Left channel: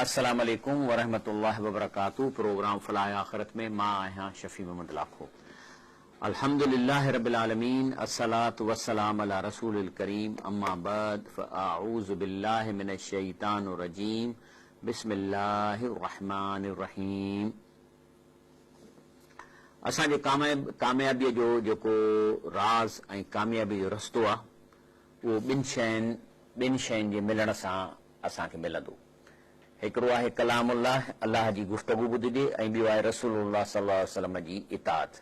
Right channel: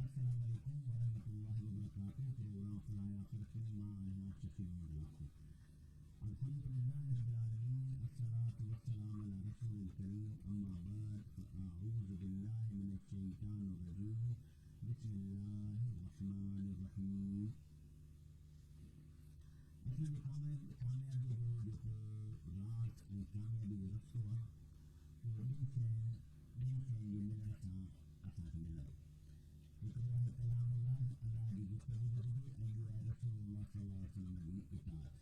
अस्सलाम वालेकुम वरहमतुल्लाहि वबरकातुहू। प्रोग्राम फलाह आखिरत में मां आया शफी मोहम्मद लाखो। अल्हम्दुलिल्लाह रब्बिल आलमीन, अस्सलातु वस्सलाम अला रसूलिल करीम, अम्मा बाद फ़अऊज़ु बिल्लाहि मिनश शैतानिर रजीम, बिस्मिल्लाहिर रहमानिर रहीम। असांजे कामयाबीअ जो जेको राज़ ऐं कामयाबी जो रस्तो आहे उहो ॿिनि शयुनि जे मिलण सां असांखे मिलंदो। हिकिड़ो आहे कलामुल्लाह, अल्लाह जी गुफ़्तगू ॿुधिजे, ऐं ॿियो आहे रसूलुल्लाह सल्लल्लाहु अलैहि वसल्लम जी इताअत।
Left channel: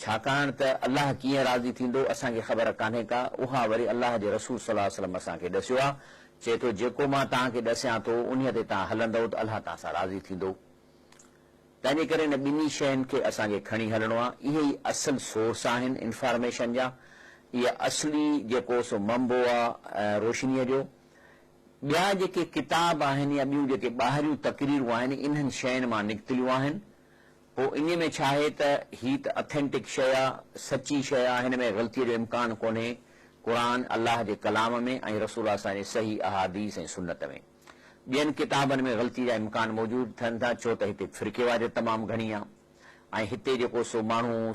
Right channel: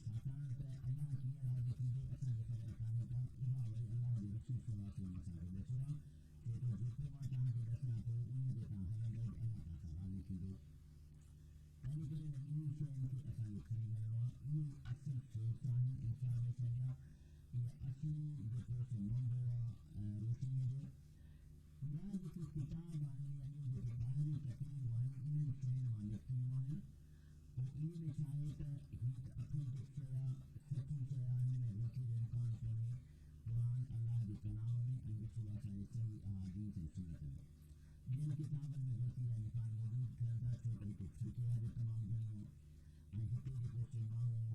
छाकाणि त अल्लाह कीअं राज़ी थींदो असांखे ख़बर कान्हे का, उहा वरी अल्लाह जे रसूल सल्लल्लाहु अलैहि वसल्लम असांखे ॾसियो आहे। चए थो जेको मां तव्हांखे ॾसियां थो उन ते तव्हां हलंदव त अल्लाह तव्हां सां राज़ी थींदो। तंहिंजे करे इन ॿिन्ही शयुनि खे असांखे खणी हलणो आहे। इहे ई असल सोर्स आहिनि इंफॉर्मेशन जा। इहा असली जेको सो मंबो आहे रोशनीअ जो। ॿिया जेके किताब आहिनि या ॿियूं जेके ॿाहिरियूं तकरीरूं आहिनि इन्हनि शयुनि मां निकितलियूं आहिनि। पोइ इन में छा आहे त ही त अथेंटिक शइ आहे, सची शइ आहे, हिन में ग़लतीअ जो इम्कान कोन्हे। क़ुरान अल्लाह जे कलाम में ऐं रसूल असांजे सही अहादीस ऐं सुन्नत में। ॿियनि किताबनि में ग़लती जा इम्कान मौजूदु थियनि था, छो त हिते फ़िरक़ेवारी तमामु घणी आहे ऐं हिते जेको सो माण्हू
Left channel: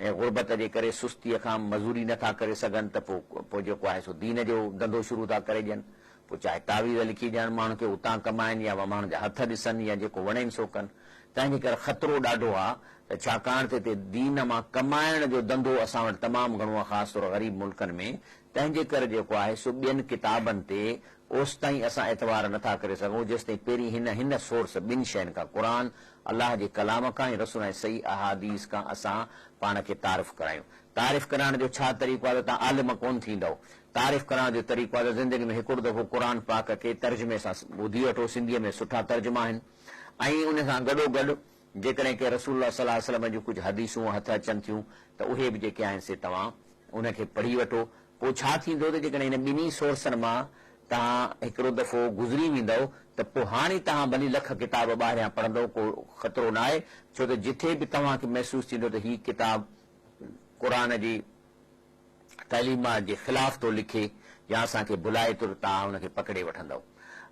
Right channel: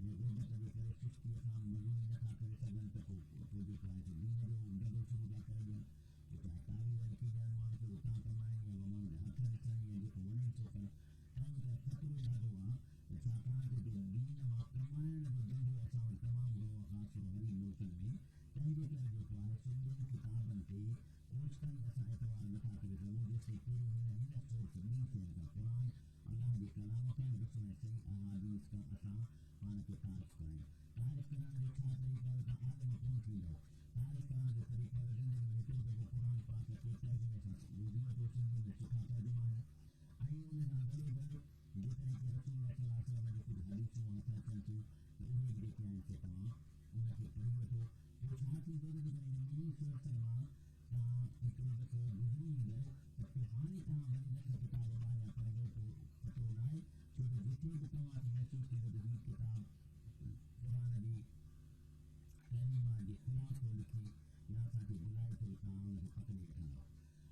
ग़ुरबत जे करे सुस्तीअ खां मज़ूरी नथा करे सघनि त पोइ जेको आहे सो दीन जो धंधो शुरू था करे ॾियनि। पोइ चाहे तावीज़ लिखी ॾियनि माण्हू खे, उतां कमाइनि या माण्हुनि जा हथ ॾिसनि या जेको वणेनि सो कनि। तंहिंजे करे ख़तरो ॾाढो आहे त छाकाणि त हिते दीन मां कमाइण जो धंधो असां वटि तमामु घणो आहे, ख़ासि तौर ग़रीब मुल्कनि में। तंहिंजे करे जेको आहे सो ॿियनि किताबनि ते ओसि ताईं असां एतवार नथा करे सघूं जेसि ताईं पहिरीं हिन सोर्स ॿिनि शयुनि खां, क़ुरान अल्लाह जे कलाम खां ऐं रसूल ऐं सही अहादीस खां असां पाण खे तारीफ़ करायूं। तारीफ़ कराइण जो छा तरीक़ो आहे त तव्हां आलिम कोन थींदव। तारीफ़ करण जो तरीक़ो आहे त ज़िंदगी में हिकिड़ो दफ़ो क़ुरान पाक खे तर्जुमे सां ॿुधी वठो। सिंधीअ में सुठा तर्जुमा आहिनि ऐं उन सां गॾोगॾु जेकॾहिं के रसूल सल्लल्लाहु अलैहि वसल्लम जूं कुझु हदीसूं हथ अचनि थियूं त उहे बि जेके आहिनि से तव्हां उनखे पढ़ी वठो। पोइ छा थींदो त जेकॾहिं इन ॿिन्ही सोर्सनि मां तव्हां हिकिड़ो दफ़ो गुज़री वेंदव त पोइ हाणे तव्हां भली लख किताब ॿाहिरियां पढ़ंदव, को ख़तरो न आहे। छो त जिथे बि तव्हांखे महसूसु थींदो त हीअ किताब क़ुरान जी तइलीमात जे ख़िलाफ़ थो लिखे या असांखे भुलाए थो, तव्हां हुनखे पकड़े वठंदव।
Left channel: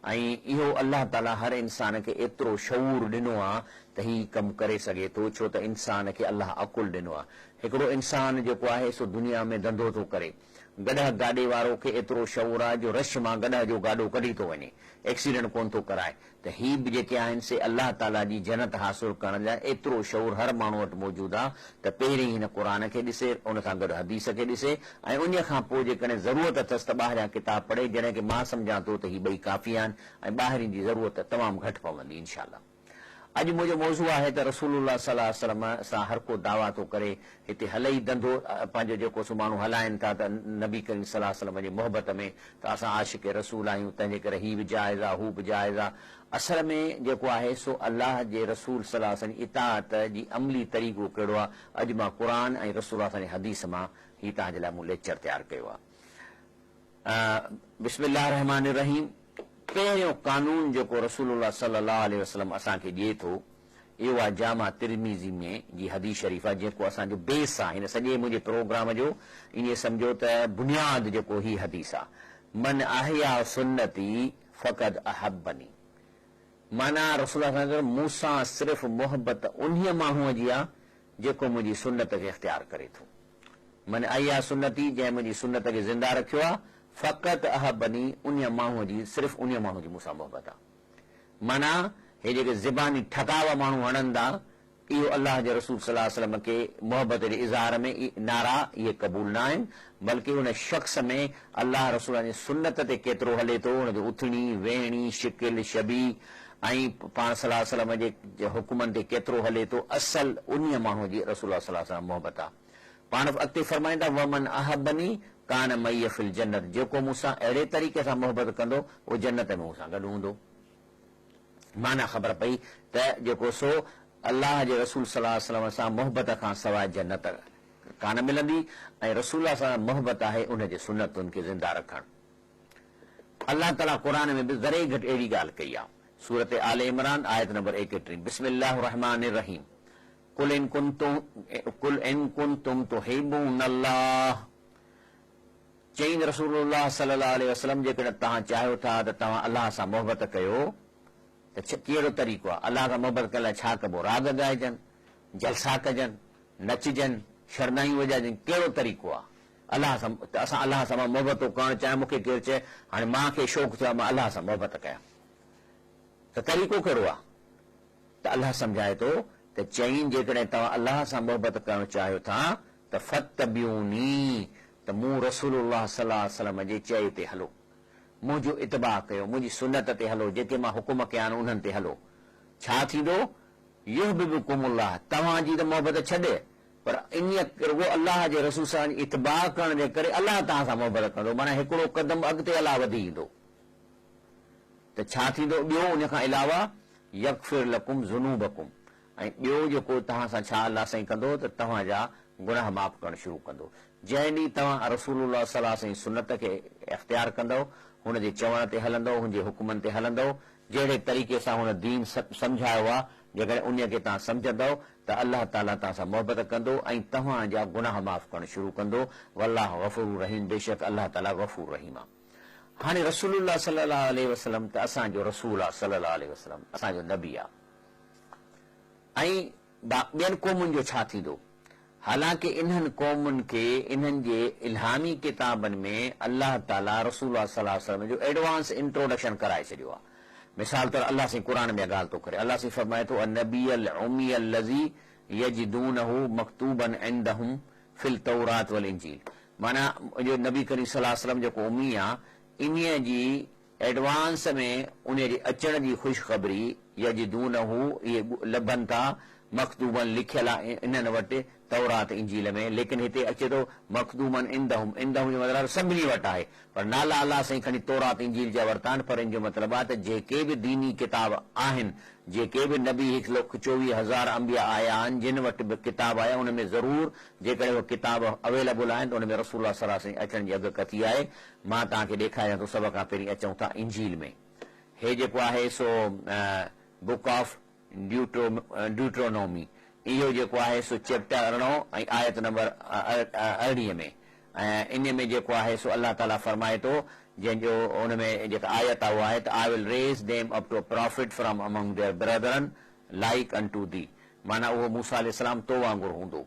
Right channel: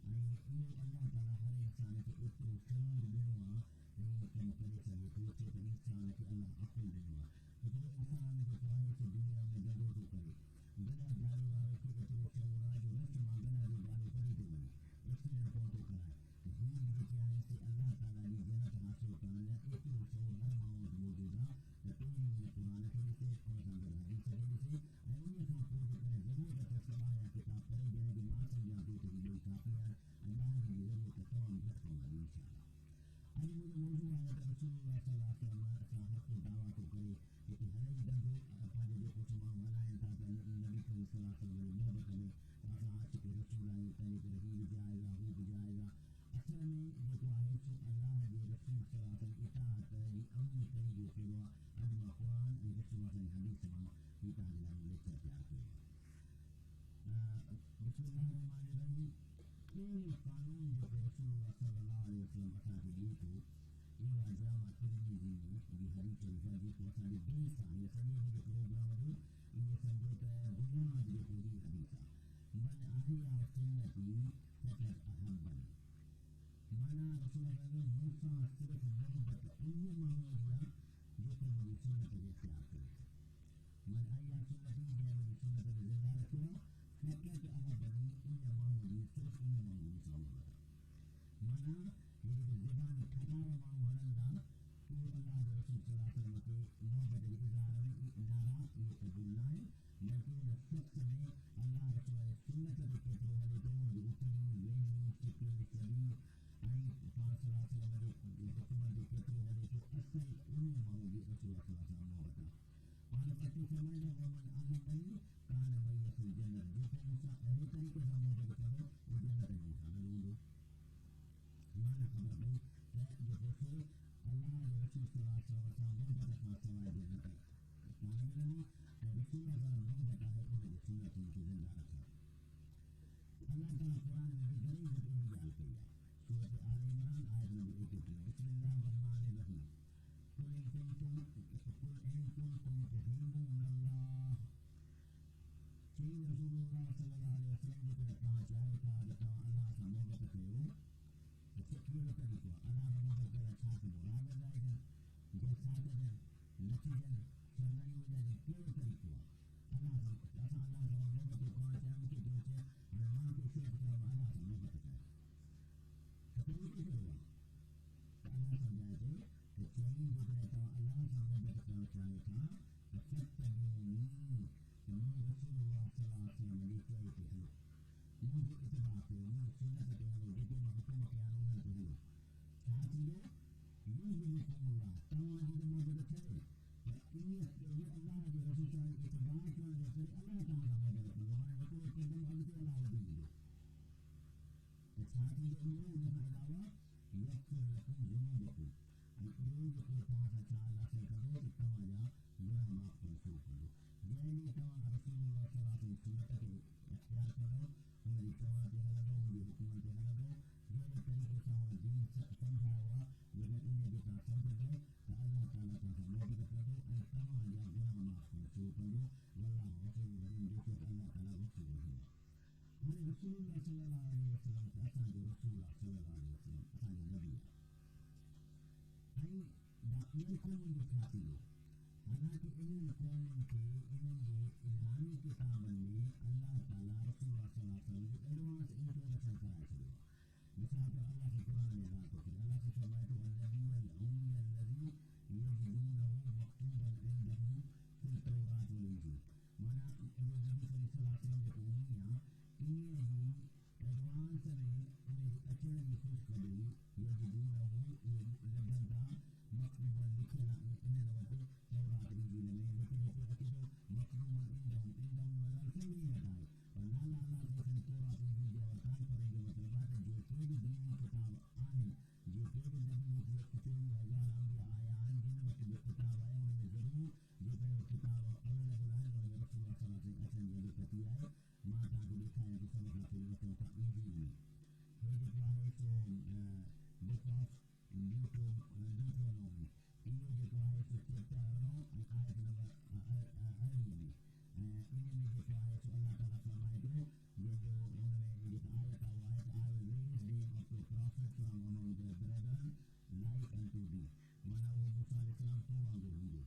ऐं इहो अल्लाह ताला हर इंसान खे एतिरो शऊर ॾिनो आहे त हीउ कमु करे सघे थो, छो त इंसान खे अल्लाह अकुल ॾिनो आहे। हिकिड़ो इंसान जेको आहे सो दुनिया में धंधो थो करे, गॾह गाॾे वारो खे एतिरो शऊर आहे जो रश मां गॾह जो गाॾो कढी थो वञे, एक्सीडेंट कोन थो कराए। त ही बि जेके आहिनि से अल्लाह ताला जी जन्नत हासिल करण लाइ एतिरो शऊर हर माण्हू वटि मौजूदु आहे त पहिरीं हिन क़ुरान खे ॾिसे, उन सां गॾु हदीस खे ॾिसे ऐं उन खां पोइ जेकॾहिं ज़रूरत अथसि त ॿाहिरियां किताब पढ़े। जॾहिं की मां सम्झां थो त ही ॿई काफ़ी आहिनि ऐं ॿाहिरिनि जी ज़रूरत तमामु घटि पवंदी इंशाअल्लाह। अॼु मुंहिंजो मौज़ू आहे त रसूलुल्लाह सल्लल्लाहु अलैहि वसल्लम सां हर को दावा थो करे हिते हले ई धंधो पंहिंजो जेको सो माण्हू हलाइनि था त नबी करीम सल्लल्लाहु अलैहि वसल्लम जी मोहबत में त असां आशिक़ रसूल आहियूं, तंहिंजे करे ही बि जाइज़ आहे, हू बि जाइज़ आहे। असल में जेको आहे सो अल्लाह जे रसूल सल्लल्लाहु अलैहि वसल्लम इताअत जी अमली तरीक़ो कहिड़ो आहे, अॼु मां क़ुरान ऐं रसूल जी हदीस मां ही तव्हांजे लाइ मूं लेक्चर तयारु कयो आहे। बिस्मिल्लाह रहमान रहीम। पहिरियों कानून जेको रसूलुल्लाह सल्लल्लाहु अलैहि वसल्लम असांखे ॾिए थो इहो आहे जामा तिरमिज़ी में जी हदीस शरीफ़ आहे, जेको असांजो बेस आहे हिन सॼे मुंहिंजे प्रोग्राम जो। ईअं सम्झो त बुनियाद जेको ही हदीस आहे, मन अहया सुन्नती फ़क़द अहब्बनी। माना रसूल मूंसां सिर्फ़ मोहबत उन्हीअ माण्हूअ जी आहे जेको मुंहिंजी सुन्नत खे इख़्तियार करे थो। मन अहया सुन्नती, जंहिं मुंहिंजी सुन्नत खे ज़िंदा रखियो आहे, फ़क़त अहब्बनी, उन माण्हूअ जी सिर्फ़ उन माण्हू जी मूंसां मोहबत आहे। माना हे जेके ज़बानी ठकावा माण्हू हणनि था, इहो अल्लाह जे रसूल सल्लल्लाहु अलैहि वसल्लम खे मोहबत जे इज़हार में नारा इहे क़बूल न आहिनि, बल्कि उन शख़्स में अल्लाह रसूल जी सुन्नत ते केतिरो हले थो, हुनजो उथणी वेहणी शिकिल शबी ऐं पाण सल्लल्लाहु अलैहि वसल्लम जे हुकुमनि ते केतिरो हले थो, असल उन माण्हूअ जी रसूल सल्लल्लाहु अलैहि वसल्लम मोहबत आहे। पाण अॻिते फरमाईंदा वमन अहब्बनी कान मई फिल जन्नत, जेको मूंसां अहिड़े तरीक़े सां मोहबत कंदो उहो जन्नत में मूंसां गॾु हूंदो। माना ख़बर पई त जेको सो अल्लाह जे रसूल सल्लल्लाहु अलैहि वसल्लम सां मोहबत खां सवाइ जन्नत कान मिलंदी ऐं रसूल सां मोहबत आहे उनजे सुन्नतुनि खे ज़िंदा रखणु। अल्लाह ताला क़ुरान में बि ज़रे घटि अहिड़ी ॻाल्हि कई आहे। सूरत आले इमरान आयत नंबर 31, बिस्मिल्लाहिर रहमानिर रहीम। कुल इन कुंतुम तुहिब्बूनल्लाह, चईं रसूलुल्लाह सल्लल्लाहु अलैहि वसल्लम जेकॾहिं तव्हां चाहियो था त तव्हां अल्लाह सां मोहबत कयो त कहिड़ो तरीक़ो आहे? अलाह सां मोहबत करण लाइ छा कबो? राग ॻाइजनि, जलसा कजनि, नचजनि, शरदायूं वॼाइजनि, कहिड़ो तरीक़ो आहे? अलाह सां असां अलाह सां मोहबत करणु चाहे मूंखे केरु चए हाणे मां खे शौक़ु थियो आहे मां अलाह सां मोहबत कयां, त तरीक़ो कहिड़ो आहे? त अलाह सम्झाए थो त चईं जेकॾहिं तव्हां अलाह सां मोहबत करणु चाहियो था त फतबिऊनी, त मूं रसूलुल्लाह सल्लल्लाहु अलैहि वसल्लम जे चए ते हलो, मुंहिंजो इतबा कयो, मुंहिंजी सुनत ते हलो, जेके मां हुकुम कया आहिनि उन्हनि ते हलो। छा थींदो? युहबिबुकुमुल्लाह, तव्हांजी त मोहबत छॾे, पर इन रुगो अलाह जे रसूल सां इतबा करण जे करे अलाह तव्हां सां मोहबत कंदो, माना हिकिड़ो कदम अॻिते अलाह वधी ईंदो। त छा थींदो ॿियो उन खां अलावा? यगफिर लकुम ज़ुनूबकुम, ऐं ॿियो जेको तव्हां सां छा अलाह साईं कंदो त तव्हांजा गुनाह माफ़ करणु शुरू कंदो। जंहिं ॾींहुं तव्हां रसूलुल्लाह सल्लल्लाहु अलैहि वसल्लम जी सुनत खे इख़्तियार कंदव, हुनजे चवण ते हलंदव, हुनजे हुकुमनि ते हलंदव, जहिड़े तरीक़े सां हुन दीन सम्झायो आहे, जेकॾहिं उन खे तव्हां सम्झंदव त अलाह ताला तव्हां सां मोहबत कंदो ऐं तव्हांजा गुनाह माफ़ करणु शुरू कंदो। वल्लाह गफ़ूर रहीम, बेशक अलाह ताला गफ़ूर रहीम आहे। हाणे रसूलुल्लाह सल्लल्लाहु अलैहि वसल्लम त असांजो रसूल आहे, सल्लल्लाहु अलैहि वसल्लम असांजो नबी आहे। ऐं ॿियनि क़ौमुनि जो छा थींदो? हालांकि इन्हनि क़ौमुनि खे इन्हनि जे इल्हामी किताबनि में अलाह ताला रसूलुल्लाह सल्लल्लाहु अलैहि वसल्लम जो एडवांस इंट्रोडक्शन कराए छॾियो आहे। मिसाल तौर अलाह साईं क़ुरान में ॻाल्हि थो करे, अलाह साईं फरमाए थो अन्नबियल उम्मियल लज़ी यजिदूनहु मक्तूबन इंदहुम फिल तौरात वल इंजील, माना जो नबी करीम सल्लल्लाहु अलैहि वसल्लम जेको उम्मी आहे, इन्हीअ जी एडवांस में उन जे अचण जी ख़ुशख़बरी यजिदूनहु इहे लभनि था, मखदूबन लिखियल आहे इन्हनि वटि तौरात इंजील में, लेकिन हिते अचे थो मखदूमन इंदहुम, इंदहुम जो मतिलबु सभिनी वटि आहे, पर नाला अलाह साईं खणी तौरात इंजील जा वरिता आहिनि, पर इन जो मतिलबु आहे त जेके बि दीनी किताब आहिनि, जेके बि नबी 1,24,000 अंबिया आया आहिनि, जिन वटि बि किताब आया उन में ज़रूर जेकॾहिं उहे किताब अवेलेबल आहिनि त उन में रसूलुल्लाह सल्लल्लाहु अलैहि वसल्लम अचण जी अॻकथी आहे। मां तव्हांखे ॾेखारियां थो, सभ खां पहिरीं अचूं था इंजील में। हे जेको आहे सो बुक ऑफ ड्यूट्रोनोमी, इहो जेको आहे सो चैप्टर 18 ऐं आयत नंबर 18 में, ऐं इन में जेको आहे सो अलाह ताला फरमाए थो, जंहिंजो उन में जेका आयत आहे उहा आहे त I will raise them up to prophet from among their brethren like unto thee, माना उहो मूसा अलैहिस्सलाम तो वांगुरु हूंदो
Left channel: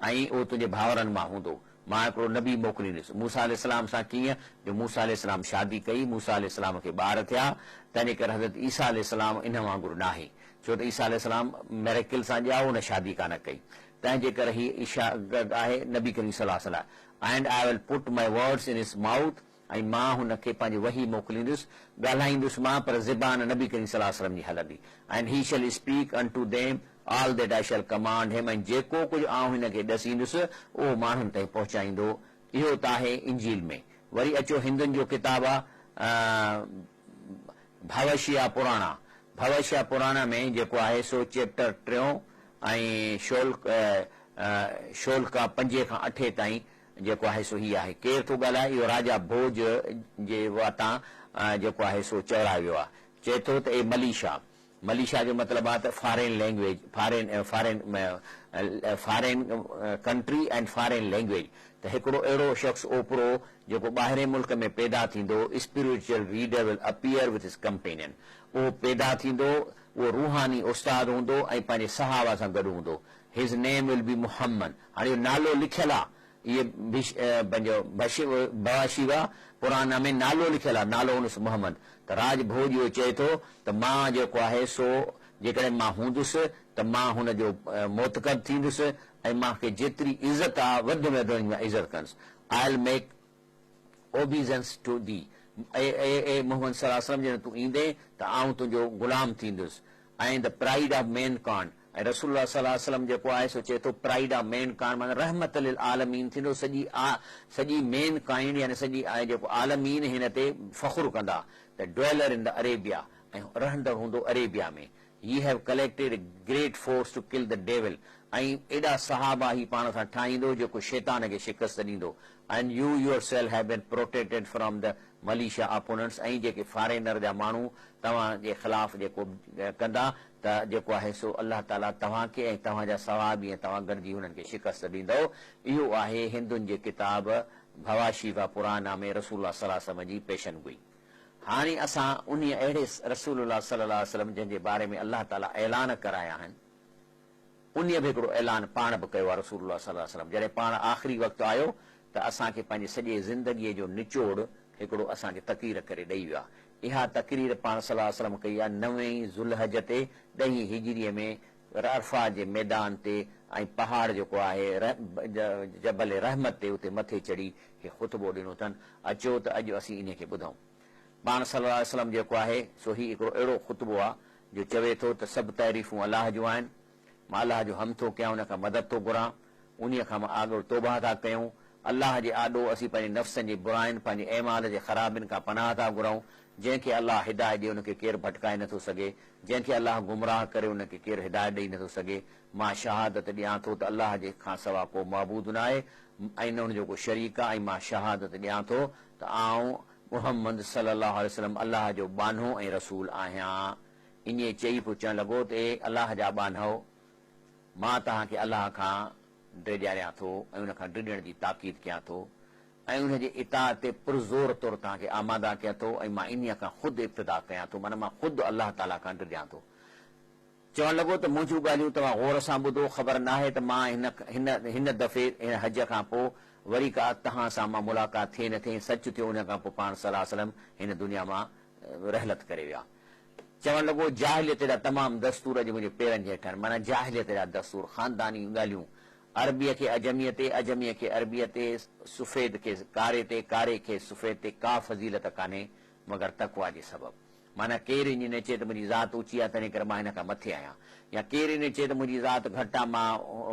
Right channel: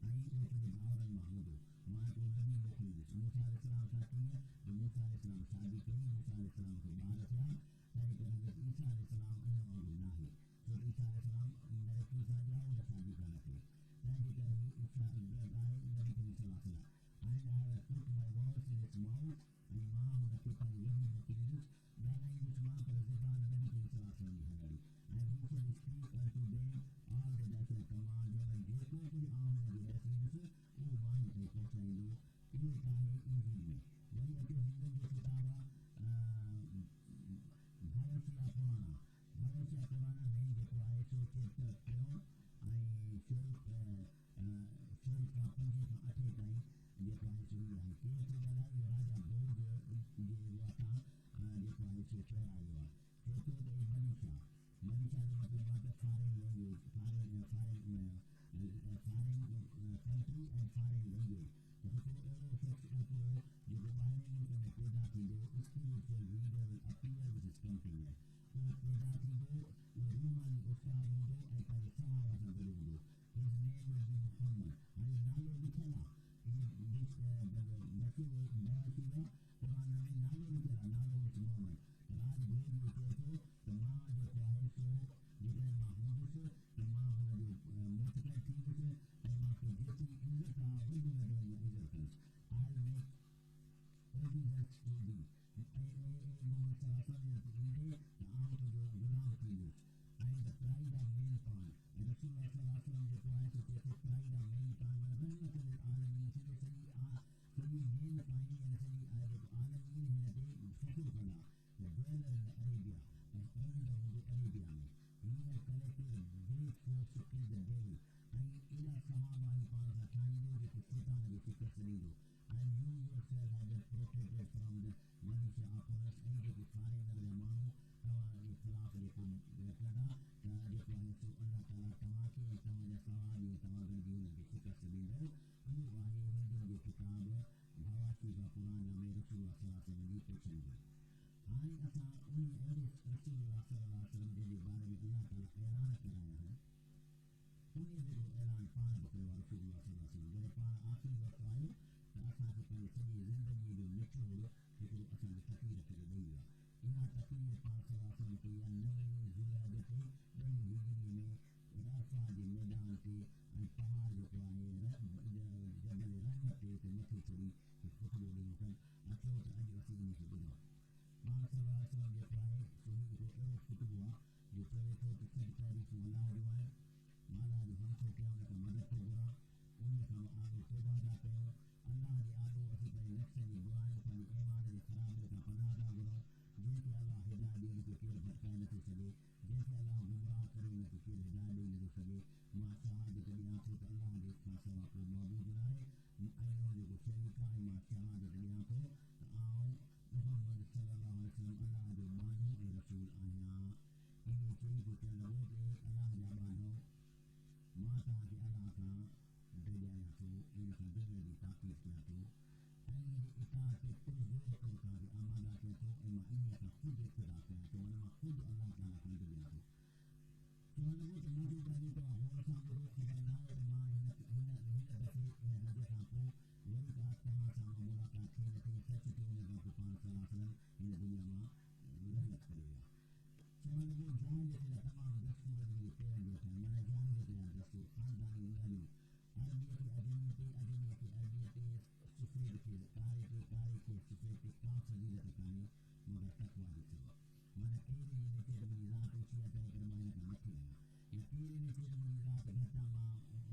ऐं उहो तुंहिंजे भाउरनि मां हूंदो। मां हिकिड़ो नबी मोकिलींदुसि मूसा अलैहिस्सलाम सां, कीअं जो मूसा अलैहिस्सलाम शादी कई, मूसा अलैहिस्सलाम खे ॿार थिया, तंहिंजे करे हज़रत ईसा अलैहिस्सलाम इन वांगुरु न आहे, छो त ईसा अलैहिस्सलाम मेरेकिल सां ॼाओ, उन शादी कान कई, तंहिंजे करे ही ईशा आहे नबी करीम सल्लल्लाहु अलैहि वसल्लम। And I will put my words in his mouth, ऐं मां हुनखे पंहिंजी वही मोकिलींदुसि, ॻाल्हाईंदुसि मां, पर ज़बान नबी करीम सल्लल्लाहु अलैहि वसल्लम जी हलंदी। And he shall speak unto them all that I shall command him, ऐं जेको कुझु आउं हिनखे ॾसींदुसि उहो माण्हुनि ताईं पहुचाईंदो। इहो त आहे इंजील में। वरी अचो हिंदुनि जो किताब आहे भवशिया पुराणा, भवशिया पुराणा में जेको आहे सो चैप्टर 3 ऐं शोलका 5 खां 8 ताईं जेको आहे सो ही आहे। केरु थो ॻाल्हाए? इहो राजा भोज जे वातां जेको आहे सो चवरायो वियो आहे। चए थो त ए मलीशा, मलीशा जो मतिलबु आहे त foreign language, foreign country and foreign language, त हिकिड़ो अहिड़ो शख़्स ओपरो जेको ॿाहिरे मुल्क में पैदा थींदो, spiritual reader will appear with his companion, उहो पैदा थींदो, उहो रूहानी उस्ताद हूंदो ऐं पंहिंजे सहाबा सां गॾु हूंदो। His name will be Muhammad, हाणे इहो नालो लिखियलु आहे, इहे पंहिंजो बवाशिवा पुराना में नालो लिखियलु आहे, नालो हुनसि मुहम्मद। त राज भोज इहो चए थो त मां जेको आहे सो जेकॾहिं मां हूंदुसि त मां हुनजो मोतकद थींदुसि ऐं मूंखे जेतिरी इज़त आहे वधि में वधि मां इज़त कंदुसि। I will make obeisance to thee, ए मोहम्मद सल्लल्लाहु अलैहि वसल्लम, जॾहिं तूं ईंदे त आउं तुंहिंजो गुलाम थींदुसि। ऐं द प्राइड ऑफ मैन कान, ऐं रसूलुल्लाह सल्लल्लाहु अलैहि वसल्लम जेको आहे सो चए थो प्राइड ऑफ मैन कान, माना रहमत लिल आलमीन थींदो, सॼी मेन काइंड यानी सॼी जेको आलमीन हिन ते फ़ख्रु कंदा। The dweller in the Arabia, ऐं रहंदड़ हूंदो अरेबिया में। He have collected great force to kill the devil, ऐं एॾा सहाबा ही पाण सां ठाहींदो जेको शैतान खे शिकस्त ॾींदो। And you yourself have been protected from the malicious opponents, ऐं जेके फॉरेनर जा माण्हू तव्हांजे ख़िलाफ़ जेको कंदा त जेको आहे सो अलाह ताला तव्हांखे ऐं तव्हांजा सवाबी ऐं तव्हां गॾिजी हुननि खे शिकस्त ॾींदव। इहो आहे हिंदुनि जे किताब भवाशिवा पुराना में रसूलुल्लाह सल्लल्लाहु अलैहि वसल्लम जी पेशन गोई। हाणे असां उन अहिड़े रसूलुल्लाह सल्लल्लाहु अलैहि वसल्लम जंहिंजे बारे में अलाह ताला ऐलान कराया आहिनि, उन बि हिकिड़ो ऐलान पाण बि कयो आहे रसूलुल्लाह सल्लल्लाहु अलैहि वसल्लम। जॾहिं पाण आख़िरी वक़्तु आयो त असांखे पंहिंजे सॼे ज़िंदगीअ जो निचोड़ हिकिड़ो असांखे तक़रीर करे ॾेई वियो आहे। इहा तक़रीर पाण सल्लल्लाहु अलैहि वसल्लम कई आहे 9 ज़ुल्हज ते 10 हिजरीअ में अरफा जे मैदान ते, ऐं पहाड़ जेको आहे जबल रहमत ते उते मथे चढ़ी हे ख़ुतबो ॾिनो अथनि। अचो त अॼु असीं इन खे ॿुधूं। पाण सल्लल्लाहु अलैहि वसल्लम जेको आहे सो ही हिकिड़ो अहिड़ो ख़ुतबो आहे जो चवे थो त सभु तारीफ़ूं अलाह जूं आहिनि, मां अलाह जो हम थो कयां, उन खां मदद थो घुरां, उन खां मां आॻो तौबा था कयूं। अलाह जे आॾो असीं पंहिंजे नफ़्सनि जी बुराइनि, पंहिंजे ऐमाल जे ख़राबियुनि खां पनाह था घुरूं। जंहिंखे अलाह हिदायत ॾिए उनखे केरु भटकाए नथो सघे, जंहिंखे अलाह गुमराह करे उनखे केरु हिदायत ॾेई नथो सघे। मां शहादत ॾियां थो त अलाह जे खां सवा को मबूद न आहे ऐं न हुनजो को शरीक आहे, ऐं मां शहादत ॾियां थो त आउं मुहम्मद सल्लल्लाहु अलैहि वसल्लम अलाह जो बानो ऐं रसूल आहियां। इन चई पोइ चवणु लॻो त अलाह जा बानो, मां तव्हांखे अलाह खां ड्रिॼारियां थो ऐं उन खां ड्रिॼण जी ताक़ीद कयां थो ऐं उनजे इताअत ते पुरज़ोर तौरु तव्हांखे आमादा कयां थो, ऐं मां इन खां ख़ुदि इब्तिदा कयां थो, माना मां ख़ुदि अलाह ताला खां ड्रिॼां थो। चवणु लॻो त मुंहिंजूं ॻाल्हियूं तव्हां गौर सां ॿुधो, ख़बर न आहे त मां हिन दफ़े हिन हज खां पोइ वरी का तव्हां सां मां मुलाक़ात थिए न थिए। सच थियो उन खां पोइ पाण सल्लल्लाहु अलैहि वसल्लम हिन दुनिया मां रहलत करे विया। चवणु लॻो जाहिलियत जा तमामु दस्तूर अॼु मुंहिंजे पेरनि जे हेठि आहिनि, माना जाहिलियत जा दस्तूर, ख़ानदानी ॻाल्हियूं, अरबीअ खे अजमीअ ते, अजमीअ खे अरबीअ ते, सुफ़ेद खे कारे ते, कारे खे सुफ़ेद ते का फज़ीलत कान्हे मगर तक़वा जे सबबु। माना केरु इन चए त मुंहिंजी ज़ात ऊची आहे तंहिं करे मां हिन खां मथे आहियां, या केरु इन चए त मुंहिंजी ज़ात घटि आहे मां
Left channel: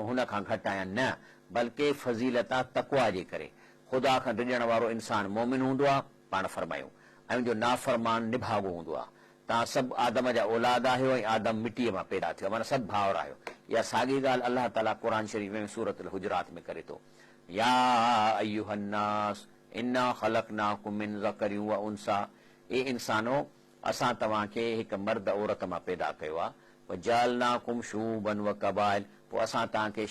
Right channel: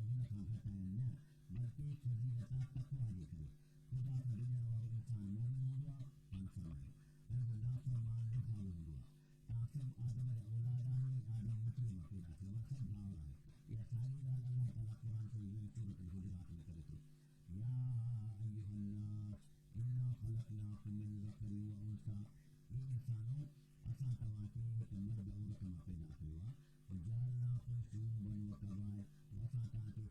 हुन खां घटि आहियां, न, बल्कि फज़ीलत आहे तक़वा जे करे। ख़ुदा खां ड्रिॼण वारो इंसानु मोमिन हूंदो आहे, पाण फरमायो, ऐं उनजो नाफ़रमान निभागो हूंदो आहे। तव्हां सभु आदम जा औलाद आहियो ऐं आदम मिटीअ मां पैदा थियो, माना सभु भाउर आहियो। इहा साॻी ॻाल्हि अलाह ताला क़ुर शरीफ़ में सूरत अल हुजरात में करे थो, या अय्युहन्नास इन्ना ख़लक़नाकुम मिन ज़करिन व उन्सा, ए इंसानो असां तव्हांखे हिकु मर्द औरत मां पैदा कयो आहे, वजअलनाकुम शुअबन व क़बाइल, पोइ असां तव्हांखे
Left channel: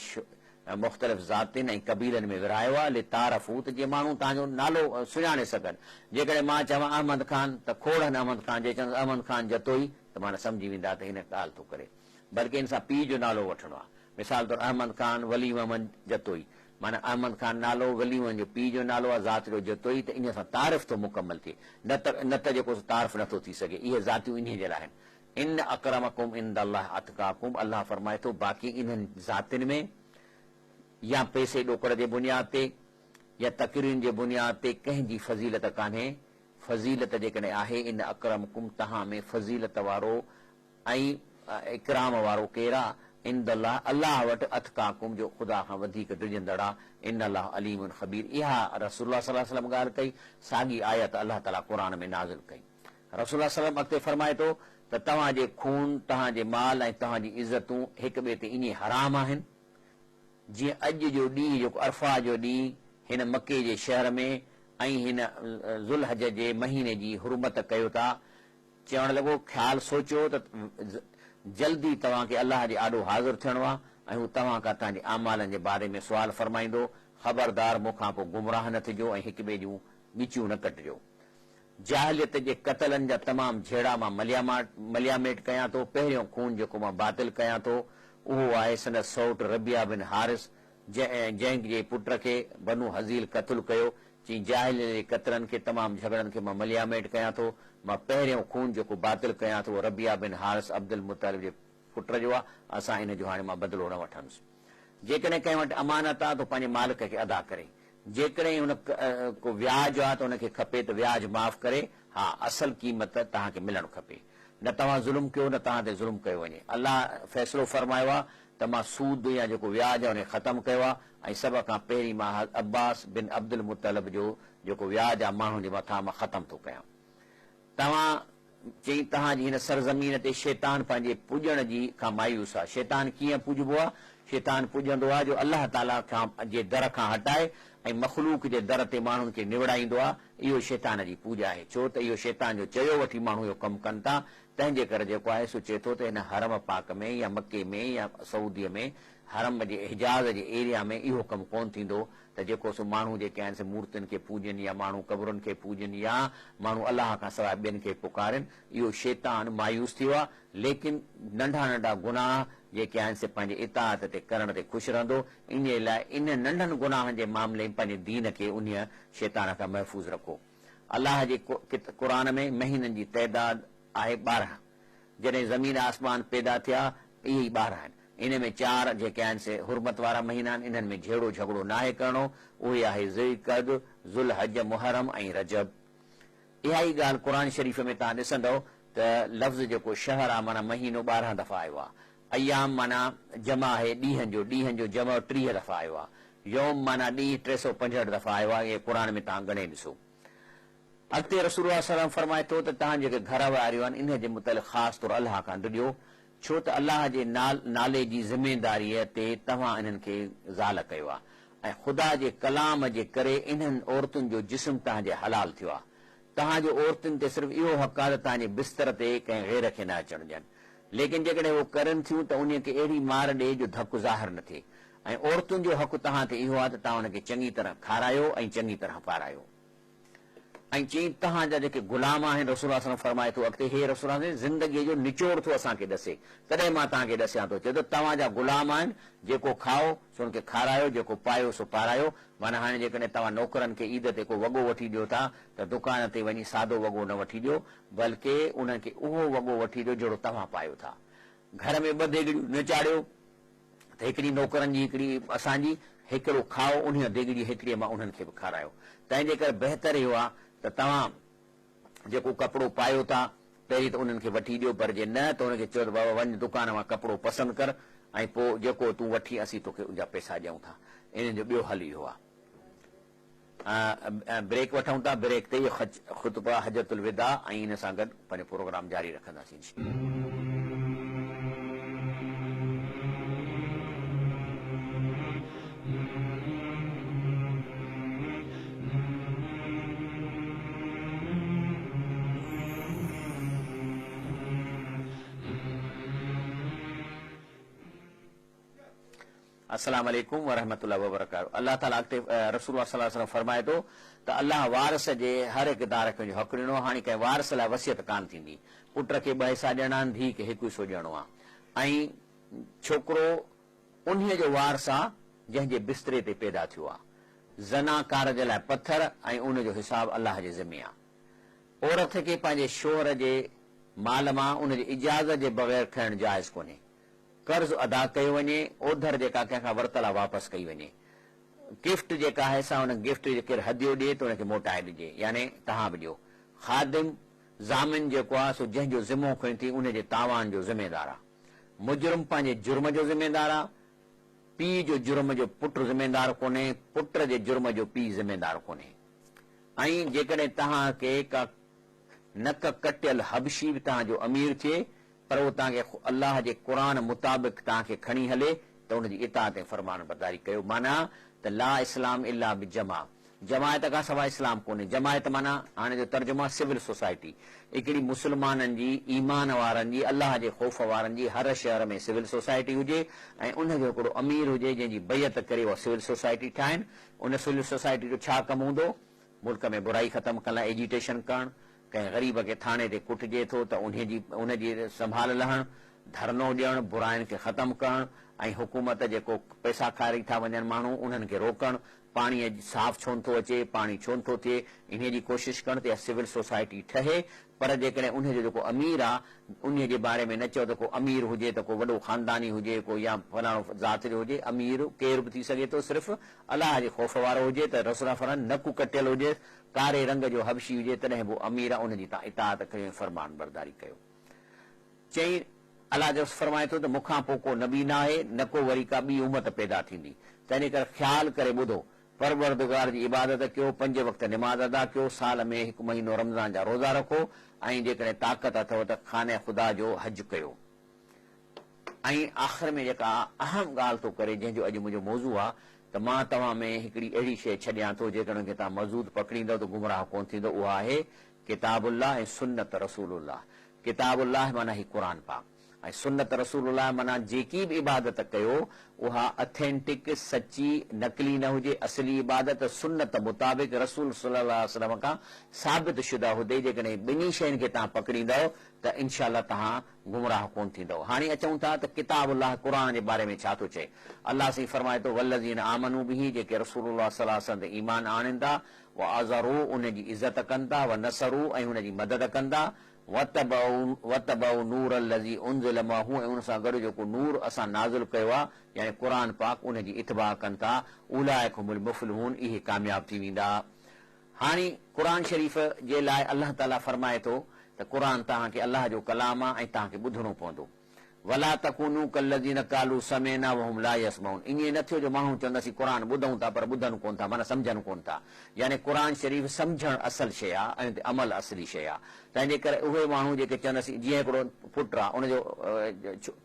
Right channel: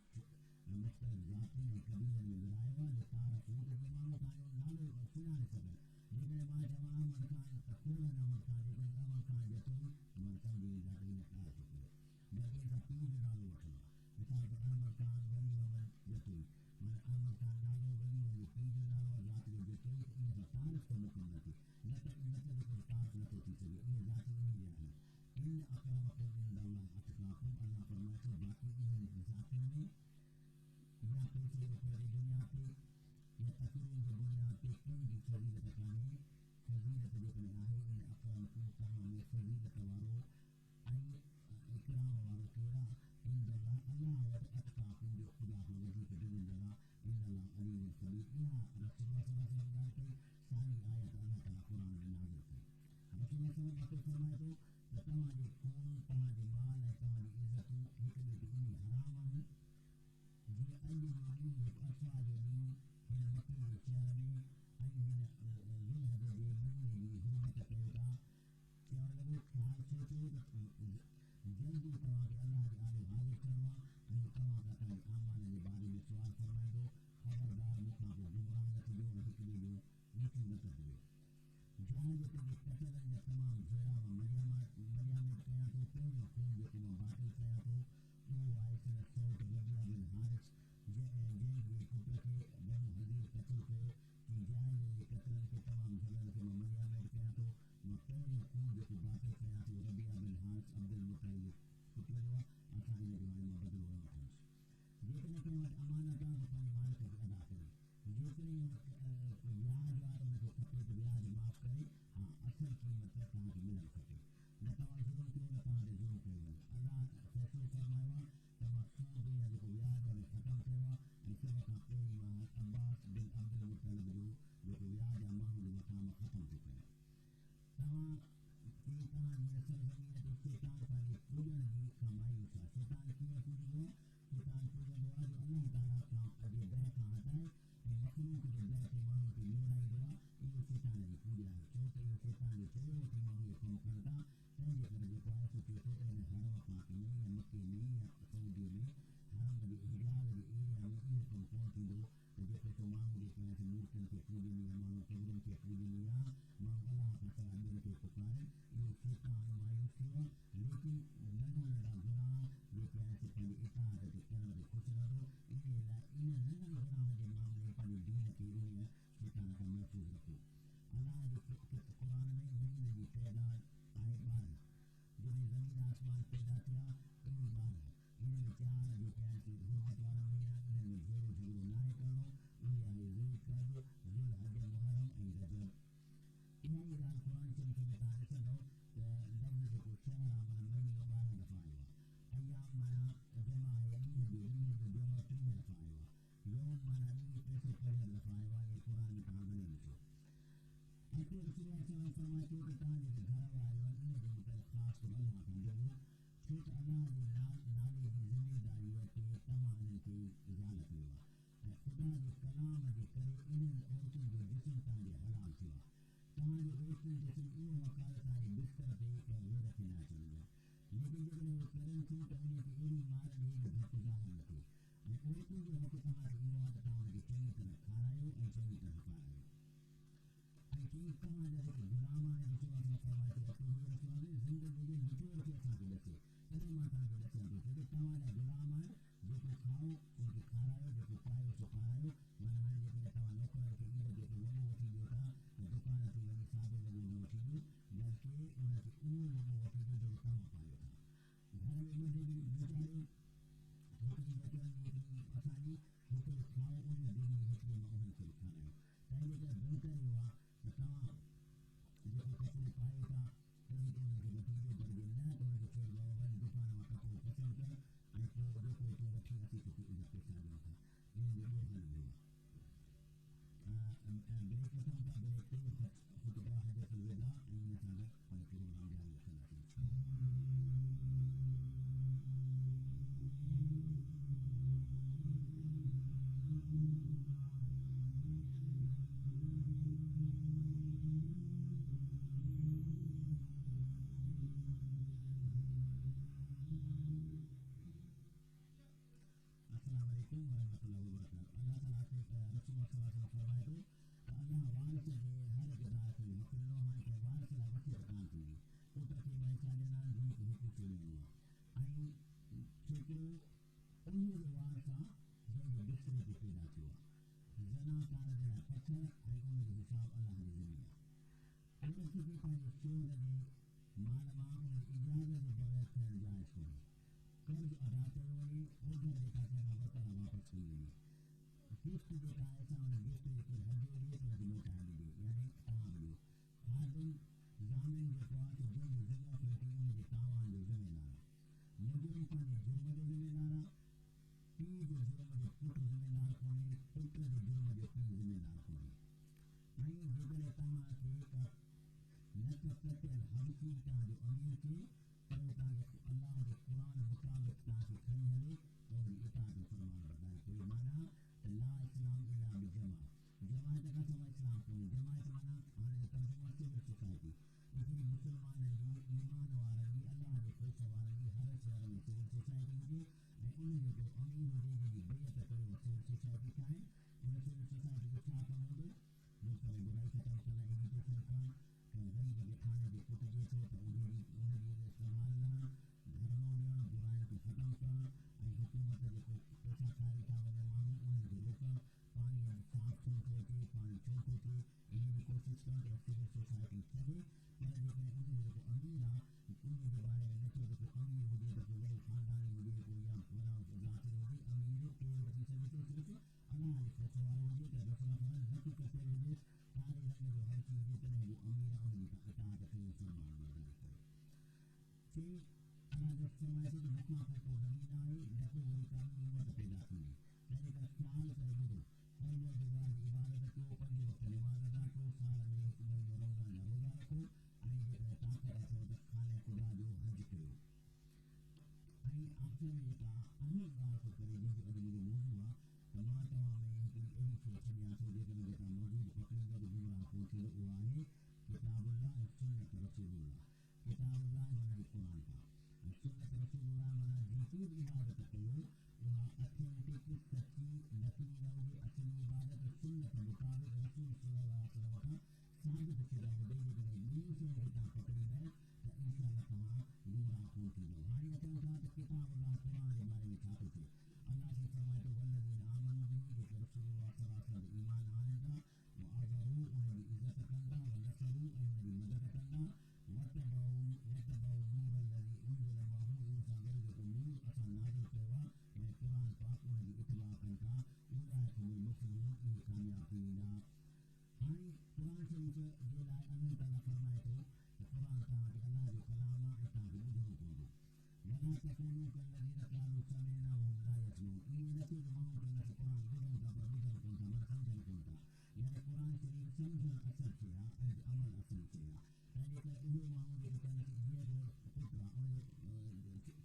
मुख़्तलिफ़ ज़ातियुनि ऐं क़बीलनि में विरायो आहे, लितारफ़ू, त जीअं माण्हू तव्हांजो नालो सुञाणे सघनि। जेकॾहिं मां चवां अहमद ख़ान त खोड़नि अहमद ख़ान, जे चवंदा अहमद ख़ान जतोई त माना सम्झी वेंदा त हिन ॻाल्हि थो करे, बल्कि हिन सां पीउ जो नालो वठिणो आहे। मिसाल तौरु अहमद ख़ान वली मोहम्मद जतोई, माना अहमद ख़ान नालो, वली मोहम्मद जो पीउ जो नालो आहे, ज़ात जो जतोई, त इन सां तारीफ़ थो मुकमल थिए, न त जेको तारीफ़ नथो थी सघे। इहे ज़ातियूं इन जे लाइ आहिनि। इन अकरमकुम इंदल्लाह अतकाकुम, अलाह फरमाए थो बाक़ी इन्हनि ज़ातियुनि में या पैसे ॾोकड़ जे बुनियाद ते या तक़रीरुनि जे बुनियाद ते कंहिंजी फज़ीलत कान्हे। फज़ीलत जेकॾहिं आहे, इन अकरमकुम, तव्हां में फज़ीलत वारो ऐं इकराम वारो केरु आहे, इंदल्लाह, अलाह वटि, अतकाकुम, जो ख़ुदा खां वधीक ड्रिॼंदड़ आहे, इन अलाह अलीमुन ख़बीर। इहा रसूलुल्लाह सल्लल्लाहु अलैहि वसल्लम ॻाल्हि कई, साॻी आयत अलाह ताला क़ुर में नाज़िल कई। रसूलुल्लाह सल्लल्लाहु अलैहि वसल्लम अॻिते फरमाए थो त तव्हांजे खून, तव्हांजे माल ऐं तव्हांजी इज़तूं हिक ॿिए ते इन हराम आहिनि, जीअं अॼु जो ॾींहुं जेको अरफा जो ॾींहुं हिन मके जे शहर में ऐं हिन ज़ुल्हज जे महीने जी हुरमत कयो था। चवणु लॻो ख़्यालु सोचियो त जल्दी तव्हांखे अलाह जे आॾो हाज़िर थियणो आहे ऐं हू तव्हां खां तव्हांजे आमालनि जे बारे में सुवाल फरमाईंदो। ख़बरदार मूंखां पोइ गुमराह न थिजो ऐं हिक ॿिए जूं ॻिचियूं न कटिजो। जाहिलियत जे क़तलनि जा तमामु झेड़ा मां मलियामेट कयां थो। पहिरियों खून जेको मां बातिल कयां थो उहो आहे संदसि सौट रबिया बिन हारिस, जंहिंजे पुट खे बनु हज़ील क़तलु कयो। चई जाहिलियत जे क़तलनि खे, तमामु झगड़नि खे मां मलियामेट कयां थो। मां पहिरियों खून जेको बातिल कयां थो रबिया बिन हारिस अब्दुल मुतालिब जे पुट जो आहे। असां इन जो हाणे मां बदिलो न वठंदुसि। जेकॾहिं कंहिं वटि अमानत आहे त पंहिंजे मालिक खे अदा करे, जेकॾहिं हुन को व्याज आहे त हुनखे खपे त व्याज माफ़ करे, हा असल क़ीमत तव्हांखे मिलणु खपे। न तव्हां ज़ुल्म कयो, न तव्हां ते ज़ुल्म कयो वञे। अलाह फ़ैसिलो फरमायो आहे त मां सूद या जेको व्याज आहे उन ख़तमु कयो आहे, ऐं सभ खां पहिरीं मां अब्बास बिन अब्दुल मुतलिब जो जेको व्याज आहे माण्हुनि जे मथां मां ख़तमु थो कयां। तव्हां चई तव्हांजी हिन सरज़मीन ते शैतान पंहिंजे पुॼण जी खां मायूस आहे। शैतान कीअं पुॼबो आहे? शैतान पुॼंदो आहे जो अलाह ताला खां जे दर खां हटाए ऐं मख़लूक जे दर ते माण्हुनि खे निवड़ाईंदो आहे। इहो शैतान जी पूॼा आहे, छो त इहो शैतान जो चयो वठी माण्हू इहो कमु कनि था। तंहिंजे करे जेको आहे सो चए थो त हिन हरम पाक में या मके में या सऊदीअ में हरम जे हिजाज़ जे एरिया में इहो कमु कोन थींदो। त जेको सो माण्हू जेके आहिनि से मूर्तियुनि खे पूॼनि या माण्हू कबरुनि खे पूॼनि या माण्हू अलाह खां सवाइ ॿियनि खे पुकारनि, इहो शैतान मायूस थियो आहे। लेकिन नंढा नंढा गुनाह जेके आहिनि से पंहिंजे इताअत ते करण ते ख़ुशि रहंदो। इन लाइ इन नंढनि गुनाहनि जे मामले में पंहिंजे दीन खे उन शैतान खां महफ़ूज़ रखो। अलाह जे क़ुरान में महीननि जी तइदाद आहे 12। जॾहिं ज़मीन आसमान पैदा थिया इहे ई 12 आहिनि। इन में 4 जेके आहिनि से हुरमत वारा महीना आहिनि, इन्हनि में झेड़ो झगड़ो नाहे करणो। उहे आहे ज़ुल्क़द, ज़ुल्हज, मुहर्रम ऐं रजब। इहा ई ॻाल्हि क़ुरान शरीफ़ में तव्हां ॾिसंदव त लफ़्ज़ जेको शहर आहे माना महीनो 12 दफ़ा आयो आहे। अयाम माना जमा आहे ॾींहंनि जो जमा 30 दफ़ा आयो आहे। यौम माना ॾींहुं 365 दफ़ा आयो आहे। इहे क़ुरान में तव्हां गणे ॾिसो। अॻिते रसूल सल्लल्लाहु फरमाए थो त तव्हां जेके घर वारियूं आहिनि इन जे मुतलिक़ ख़ासि तौरु अलाह खां ॾियो, छो त अलाह जे नाले जी ज़िमेदारीअ ते तव्हां इन्हनि खे ज़ाल कयो आहे ऐं ख़ुदा जे कलाम जे करे इन्हनि औरतुनि जो जिस्म तव्हांजे हलाल थियो आहे। तव्हांजो औरतुनि ते सिर्फ़ु इहो हक़ आहे त तव्हांजे बिस्तर ते कंहिं गैर खे न अचणु ॾियनि, लेकिन जेकॾहिं उहो करनि थियूं त उन खे अहिड़ी मार ॾे जो धकु ज़ाहिर न थिए। ऐं औरतुनि जो हक़ तव्हां ते इहो आहे त तव्हां उनखे चङी तरह खारायो ऐं चङी तरह पारायो। ऐं चई तव्हांजा जेके गुलाम आहिनि, रसूल सल्लल्लाहु फरमाए थो अॻिते, हे रसूल ज़िंदगीअ जो निचोड़ थो असांखे ॾसे, तॾहिं मां तव्हांखे ॾसियां थो। चए थो तव्हांजा गुलाम आहिनि, जेको खाओ सो हुनखे खारायो, जेको पायो सो पारायो। माना हाणे जेकॾहिं तव्हां नौकरनि खे ईद ते को वॻो वठी ॾियो था त दुकान ते वञी सादो वॻो न वठी ॾियो, बल्कि उन्हनि खे उहो वॻो वठी ॾियो जहिड़ो तव्हां पायो था। घर में 2 देॻड़ियूं न चाढ़ियो त हिकिड़ी नौकरनि जी हिकिड़ी असांजी, हिकिड़ो खाओ उन देॻड़ी हिकिड़ीअ मां उन्हनि खे बि खारायो। तंहिंजे करे बहितर इहो आहे त तव्हां जेको कपिड़ो पायो था पहिरीं त उन्हनि खे वठी ॾियो, पर जे न त हुनखे चओ त बाबा वञ दुकान मां कपिड़ो पसंदि कर ऐं पोइ जेको तूं वठी असीं तोखे उनजा पैसा ॾियूं था। इन जो ॿियो हल इहो आहे। ब्रेक वठूं था, ब्रेक ते इहो ख़ुतबा हजतुल विदा ऐं इन सां गॾु पंहिंजो प्रोग्राम जारी रखंदासीं। अस्सलाम वालेकुम वरहमतुल्लाहि वबरकातुहू। अल्लाह ताला अॻिते रसूल सल्लल्लाहु अलैहि वसल्लम फरमाए थो त अल्लाह वारस जे हर हिकु दारक जो हक़ ॾिनो। हाणे कंहिं वारस लाइ वसियत कान थींदी। पुट खे 2 हिसा ॾियणा आहिनि, धीउ खे 1 हिसो ॾियणो आहे। ऐं छोकिरो उन्हीअ जो वारस आहे जंहिंजे बिस्तरे ते पैदा थियो आहे। ज़नाकार जे लाइ पत्थर ऐं उनजो हिसाब अलाह जे ज़िमे आहे। औरत खे पंहिंजे शोहर जे माल मां उनजी इजाज़त जे बग़ैर खणणु जाइज़ कोन्हे। कर्ज़ अदा कयो वञे, ओधर जेका कंहिंखां वरितल आहे वापसि कई वञे। गिफ्ट जेका आहे सा हुन गिफ्ट जे केरु हदियो ॾिए त हुनखे मोटाए ॾिजे, यानी तव्हां बि ॾियो। ख़ादिम ज़ामिन जेको आहे सो जंहिंजो ज़िमो खणी थी उनजे तावान जो ज़िमेदार आहे। मुजरिम पंहिंजे जुर्म जो ज़िमेदार आहे। पीउ जो जुर्म जो पुट ज़िमेदार कोन्हे, पुट जे जुर्म जो पीउ ज़िमेदार कोन्हे। ऐं जेकॾहिं तव्हांखे का नक कटियल हबशी बि तव्हांजो अमीर थिए, पर उहो तव्हांखे अलाह जे क़ुरान मुताबिक़ तव्हांखे खणी हले त हुनजी इताअत ऐं फरमान बरदारी कयो। माना त ला इस्लाम इल्ला बिजमा, जमायत खां सवाइ इस्लाम कोन्हे। जमायत माना हाणे जो तर्जुमा सिविल सोसाइटी, हिकिड़ी मुस्लमाननि जी, ईमान वारनि जी, अलाह जे ख़ौफ़ वारनि जी हर शहर में सिविल सोसाइटी हुजे ऐं उनजो हिकिड़ो अमीर हुजे जंहिंजी बैयत करे उहा सिविल सोसाइटी ठाहिनि। उन सिविल सोसाइटी जो छा कमु हूंदो? मुल्क में बुराई ख़तमु करण लाइ एजिटेशन करणु, कंहिं ग़रीब खे थाणे ते कुटिजे थो त उनजी संभाल लहणु, धरनो ॾियणु, बुराइनि खे ख़तमु करणु ऐं हुकूमत जेको पैसा खारी था वञनि माण्हू उन्हनि खे रोकणु, पाणीअ साफ़ छो नथो अचे, पाणी छो नथो थिए, इन जी कोशिशि करणु त इहा सिविल सोसाइटी ठहे। पर जेकॾहिं उनजो जेको अमीर आहे उन जे बारे में न चओ त को अमीर हुजे त को वॾो ख़ानदानी हुजे, को या फलाणो ज़ात जो हुजे, अमीर केरु बि थी सघे थो, सिर्फ़ु अलाह जे ख़ौफ़ वारो हुजे त रसूल फरमाइनि नकु कटियल हुजे, कारे रंग जो हबशी हुजे, तॾहिं बि अमीर आहे, उनजी तव्हां इताअत कयो, फरमान बरदारी कयो। चई अलाह जो फरमाए थो त मूंखां पोइ को नबी न आहे, न को वरी का ॿी उमत पैदा थींदी। तंहिंजे करे ख़्यालु करे ॿुधो, परवरदिगार जी इबादत कयो, 5 वक़्त निमाज़ अदा कयो, साल में 1 महीनो रमज़ान जा रोज़ा रखो ऐं जेकॾहिं ताक़त अथव त खाने ख़ुदा जो हज कयो। ऐं आख़िर में जेका अहम ॻाल्हि थो करे, जंहिंजो अॼु मुंहिंजो मौज़ू आहे, त मां तव्हां में हिकिड़ी अहिड़ी शइ छॾियां थो जेकॾहिं तव्हां मज़बूत पकड़ींदव त गुमराह कोन थींदो। उहा आहे किताबुल्लाह ऐं सुन्नत रसूलुल्लाह। किताबुल्लाह माना ही क़ुरान पाक ऐं सुन्नत रसूलुल्लाह माना जेकी बि इबादत कयो उहा अथेंटिक सची नकली न हुजे, असली इबादत सुन्नत मुताबिक़ रसूल सल्लल्लाहु अलैहि वसल्लम खां साबित शुदा हुजे। जेकॾहिं ॿिन्ही शयुनि खे तव्हां पकड़ींदव त इनशा अल्लाह तव्हां गुमराह कोन थींदव। हाणे अचूं था त किताब अल्लाह क़ुर जे बारे में छा थो चए। अल्लाह साईं फरमाए थो वल्लज़ीन आमनू बिही, जेके रसूलुल्लाह सल्लल्लाहु अलैहि वसल्लम ते ईमान आणनि था, व अज़रू उनजी इज़त कनि था, व नसरू ऐं हुनजी मदद कनि था, वतबऊ नूर लज़ी उनज़िल माहू ऐं उन सां गॾु जेको नूर असां नाज़िल कयो आहे यानी क़ुर पाक उनजी इतबा कनि था, उलाइक हुमुल मुफ़्लिहून, इहे कामयाब थी वेंदा। हाणे क़ुर शरीफ़ जे लाइ अल्लाह ताला फरमाए थो त क़ुर तव्हांखे अल्लाह जो कलाम आहे ऐं तव्हांखे ॿुधणो पवंदो। वला तकूनू कल्लज़ीन कालू समेना वहुम ला यस्मऊन, ईअं न थियो जो माण्हू चवंदासीं क़ुर ॿुधूं था पर ॿुधनि कोन था, माना सम्झनि कोन था। यानी क़ुर शरीफ़ सम्झणु असल शइ आहे ऐं अमल असली शइ आहे। तंहिंजे करे उहे माण्हू जेके चवंदासीं, जीअं हिकिड़ो पुटु आहे उनजो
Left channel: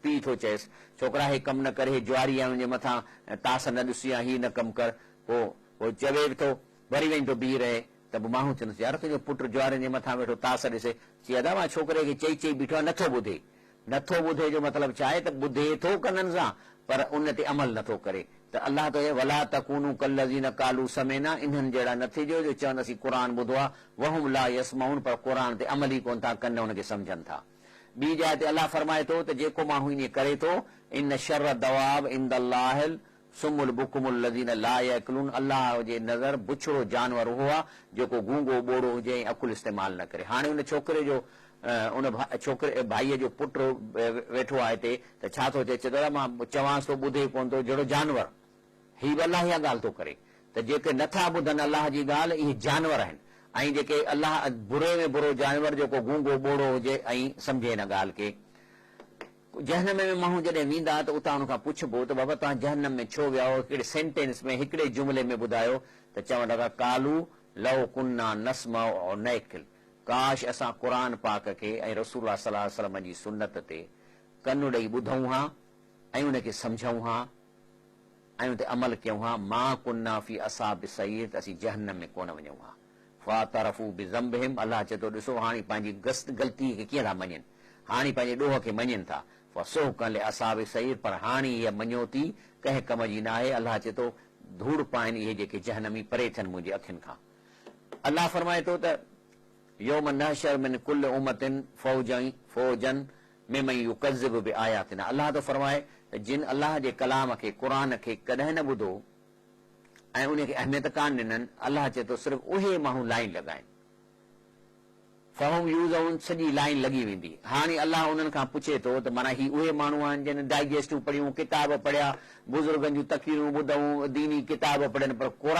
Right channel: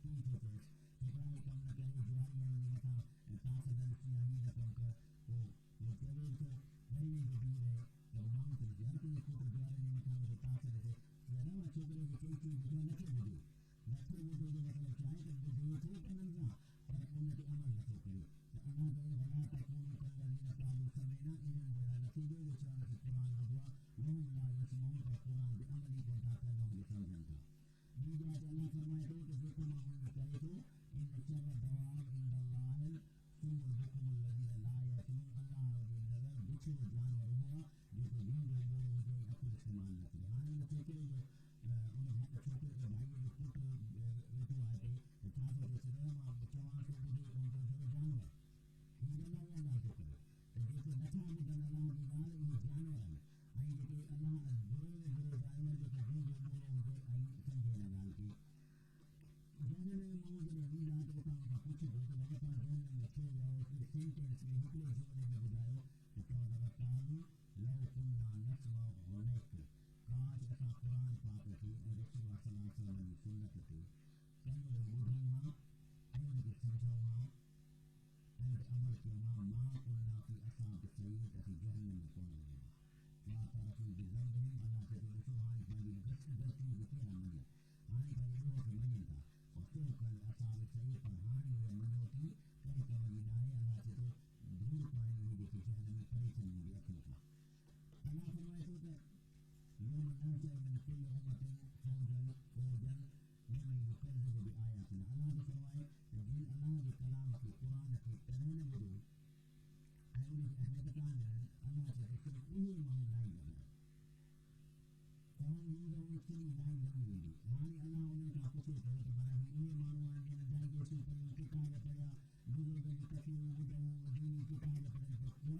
पीउ थो चएसि छोकिरा हे कमु न करे, हे जुआरी आहे हुनजे मथां तास न ॾिसी आहे, हीअ न कमु कर, पोइ चवे बि थो वरी वञी थो बीह रहे त पोइ माण्हू चवंदासीं यार तुंहिंजो पुटु जुआरियुनि जे मथां वेठो तास ॾिसे, चई अदा मां छोकिरे खे चई चई बीठो आहे नथो ॿुधे। नथो ॿुधे जो मतिलबु छा आहे त ॿुधे थो कननि सां पर उन ते अमल नथो करे। त अल्लाह त वला तकूनू कल्लज़ीन कालू समेना, इन्हनि जहिड़ा न थिजो जो चवंदासीं क़ुर ॿुधो आहे, वहुम ला यस्मऊन, पर क़ुर ते अमल ई कोन था कनि, हुनखे सम्झनि था। ॿी जाइ ते अल्लाह फरमाए थो त जेको माण्हू ईअं करे थो, इन शर दवाब इंदल्लाहिल सुमुल बुकुमुल लज़ीन ला यअकुलून, अल्लाह जे नज़र बुछड़ो जानवर उहो आहे जेको गूंगो ॿोड़ो हुजे ऐं अकुल इस्तेमालु न करे। हाणे उन छोकिरे जो उन छोकिरे भाईअ जो पुटु वेठो आहे हिते त छा थो चए, चए मां चवांसि थो ॿुधे कोन थो, जहिड़ो जानवर। हीअ बि अलाह इहा ॻाल्हि थो करे त जेके नथा ॿुधनि अलाह जी ॻाल्हि, इहे जानवर आहिनि। ऐं जेके अलाह बुरे में बुरो जानवर जेको गूंगो ॿोड़ो हुजे ऐं सम्झे हिन ॻाल्हि खे। जहनम में माण्हू जॾहिं वेंदा त उतां हुन खां पुछबो त बाबा तव्हां जहनम में छो विया हो, हिकिड़े सेंटेंस में हिकिड़े जुमिले में ॿुधायो त चवण लॻा कालू लव कुन्ना नस्मा और नैकिल, काश असां क़ुर पाक खे ऐं रसूलुल्लाह सल्लल्लाहु अलैहि वसल्लम जी सुन्नत ते कनु ॾेई ॿुधूं हा ऐं उनखे सम्झूं हा ऐं उन ते अमल कयूं हा, मां कुन्ना फी असाब सईर, त असीं जहन्नम में कोन वञूं हा। फातरफू बिज़ंबिहिम, अल्लाह चए थो ॾिसो हाणे पंहिंजी ग़लती खे कीअं था मञनि, हाणे पंहिंजे ॾोह खे मञनि था। फसुहक़न लिअसाबि सईर, पर हाणे हीअ मञोती कंहिं कम जी न आहे। अल्लाह चए थो धूड़ पाइनि इहे जेके जहन्नमी, परे थियनि मुंहिंजे अखियुनि खां। अल्लाह फरमाए थो त यौम नहशर मिन कुल्ल उम्मतिन फौजन मिमन युकज़्ज़िबु बिआयातिना, अल्लाह थो फरमाए त जिन अल्लाह जे कलाम खे क़ुर खे कॾहिं न ॿुधो ऐं उनखे अहमियत कान ॾिननि, अल्लाह चए थो सिर्फ़ु उहे माण्हू लाइन लॻाइनि, फहुम यूज़ऊन, सॼी लाइन लॻी वेंदी। हाणे अल्लाह उन्हनि खां पुछे थो त माना ही उहे माण्हू आहिनि जिन डाइजेस्टूं पढ़ियूं, किताब पढ़िया, बुज़ुर्गनि जूं तक़रीरूं ॿुधूं, दीनी किताब पढ़नि, पर क़ुर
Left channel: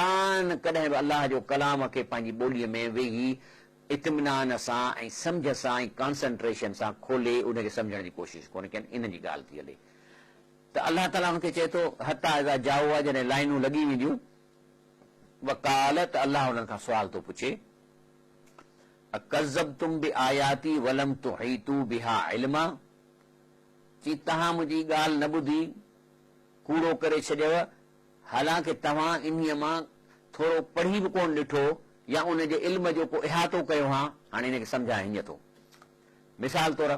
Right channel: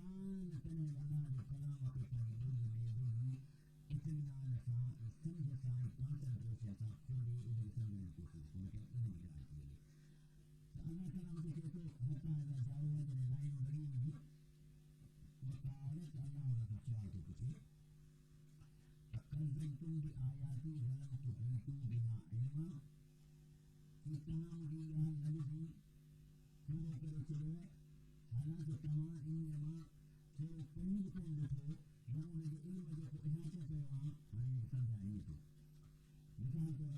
कॾहिं बि अल्लाह जो कलाम खे पंहिंजी ॿोलीअ में वेही इत्मिनान सां ऐं सम्झ सां ऐं कॉन्संट्रेशन सां खोले उनखे सम्झण जी कोशिशि कोन कनि। इन जी ॻाल्हि थी हले त अल्लाह ताला हुनखे चए थो हता इज़ा जाओ आहे, जॾहिं लाइनूं लॻी वेंदियूं, वकाल, त अल्लाह हुननि खां सुवाल थो पुछे अकज़्ज़बतुम बिआयाती वलम तुहीतू बिहा इल्मा, चई तव्हां मुंहिंजी ॻाल्हि न ॿुधी, कूड़ो करे छॾियव, हालांकि तव्हां इन्हीअ मां थोरो पढ़ी बि कोन ॾिठो या उनजे इल्म जो को इहातो कयो हा। हाणे हिनखे सम्झाए हीअं थो, मिसाल तौर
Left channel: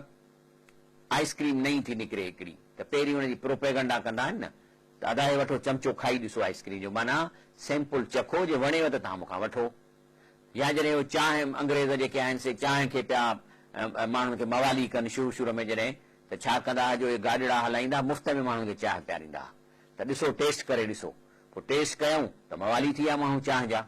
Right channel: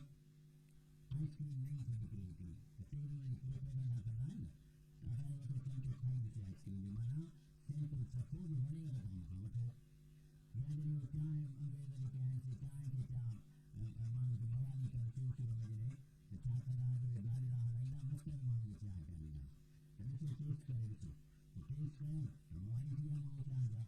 आइस्क्रीम नई थी निकिरे हिकिड़ी, त पहिरीं हुनजी प्रोपेगंडा कंदा आहिनि न, त अदाए वठो चमचो खाई ॾिसो आइस्क्रीम जो, माना सैंपल चखो, जे वणेव त तव्हां मूंखां वठो। या जॾहिं उहे चांहि अंग्रेज़ जेके आहिनि से चांहि खे पिया माण्हुनि खे मवाली कनि शुरू में जॾहिं, त छा कंदा हुआ जो इहे गाॾिड़ा हलाईंदा, मुफ़्त में माण्हुनि खे चांहि पीआरींदा, त ॾिसो टेस्ट करे ॾिसो, पोइ टेस्ट कयूं त मवाली थी विया माण्हू चांहि जा।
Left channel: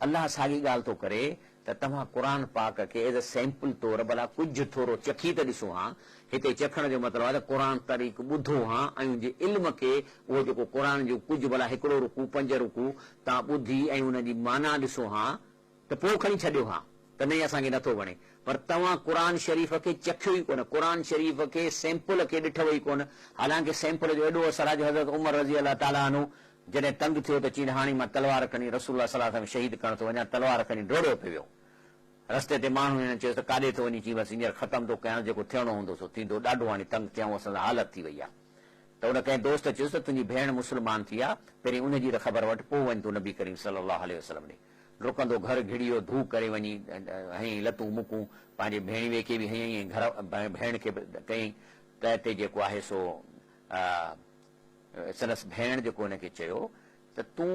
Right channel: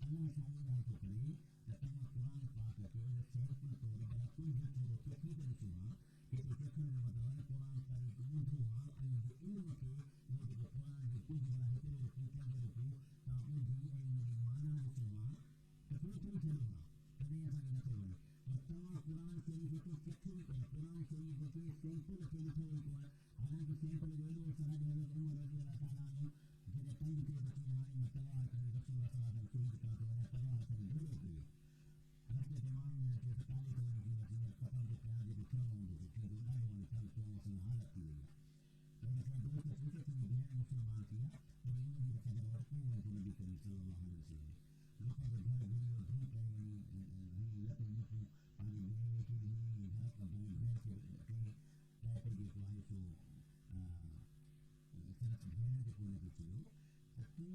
अल्लाह साॻी ॻाल्हि थो करे त तव्हां क़ुर पाक खे एज़ अ सैंपल तौरु भला कुझु थोरो चखी त ॾिसो हा। हिते चखण जो मतिलबु आहे त क़ुर तरीक़ ॿुधो हा ऐं उनजे इल्म खे, उहो जेको क़ुर जो कुझु भला हिकिड़ो रुकू 5 रुकू तव्हां ॿुधी ऐं उनजी माना ॾिसो हा, त पोइ खणी छॾियो हा त न असांखे नथो वणे। पर तव्हां क़ुर शरीफ़ खे चखियो ई कोन, क़ुर शरीफ़ खे सैंपल खे ॾिठो ई कोन। हालांकि सैंपल जो एॾो असर आहे जो हज़रत उमर रज़ी अल्लाह ताला अन्हु जॾहिं तंग थियो त चई हाणे मां तलवार खणी रसूलुल्लाह सल्लल्लाहु अलैहि वसल्लम शहीद करण थो वञा, तलवार खणी डोड़ियो पियो वियो। रस्ते ते माण्हू हिननि चयोसि त काॾे थो वञी, चई बसि हींअर ख़तमु थो कयां, जेको थियणो हूंदो सो थींदो, ॾाढो हाणे तंग थियाऊं, असां हालत थी वई आहे। त हुन कंहिं दोस्त चयुसि त तुंहिंजी भेण मुस्लमान थी आहे, पहिरीं उनजी त ख़बर वठि, पोइ वञ तूं नबी करीम सल्लल्लाहु अलैहि वसल्लम ॾे। डुकंदो घर घिड़ियो, धू करे वञी हईं लतूं मुकूं, पंहिंजे भेणीअ खे बि हईं, घर भेण खे कयईं, त हिते जेको आहे सो संदसि भेण जेको हुनखे चयो त तूं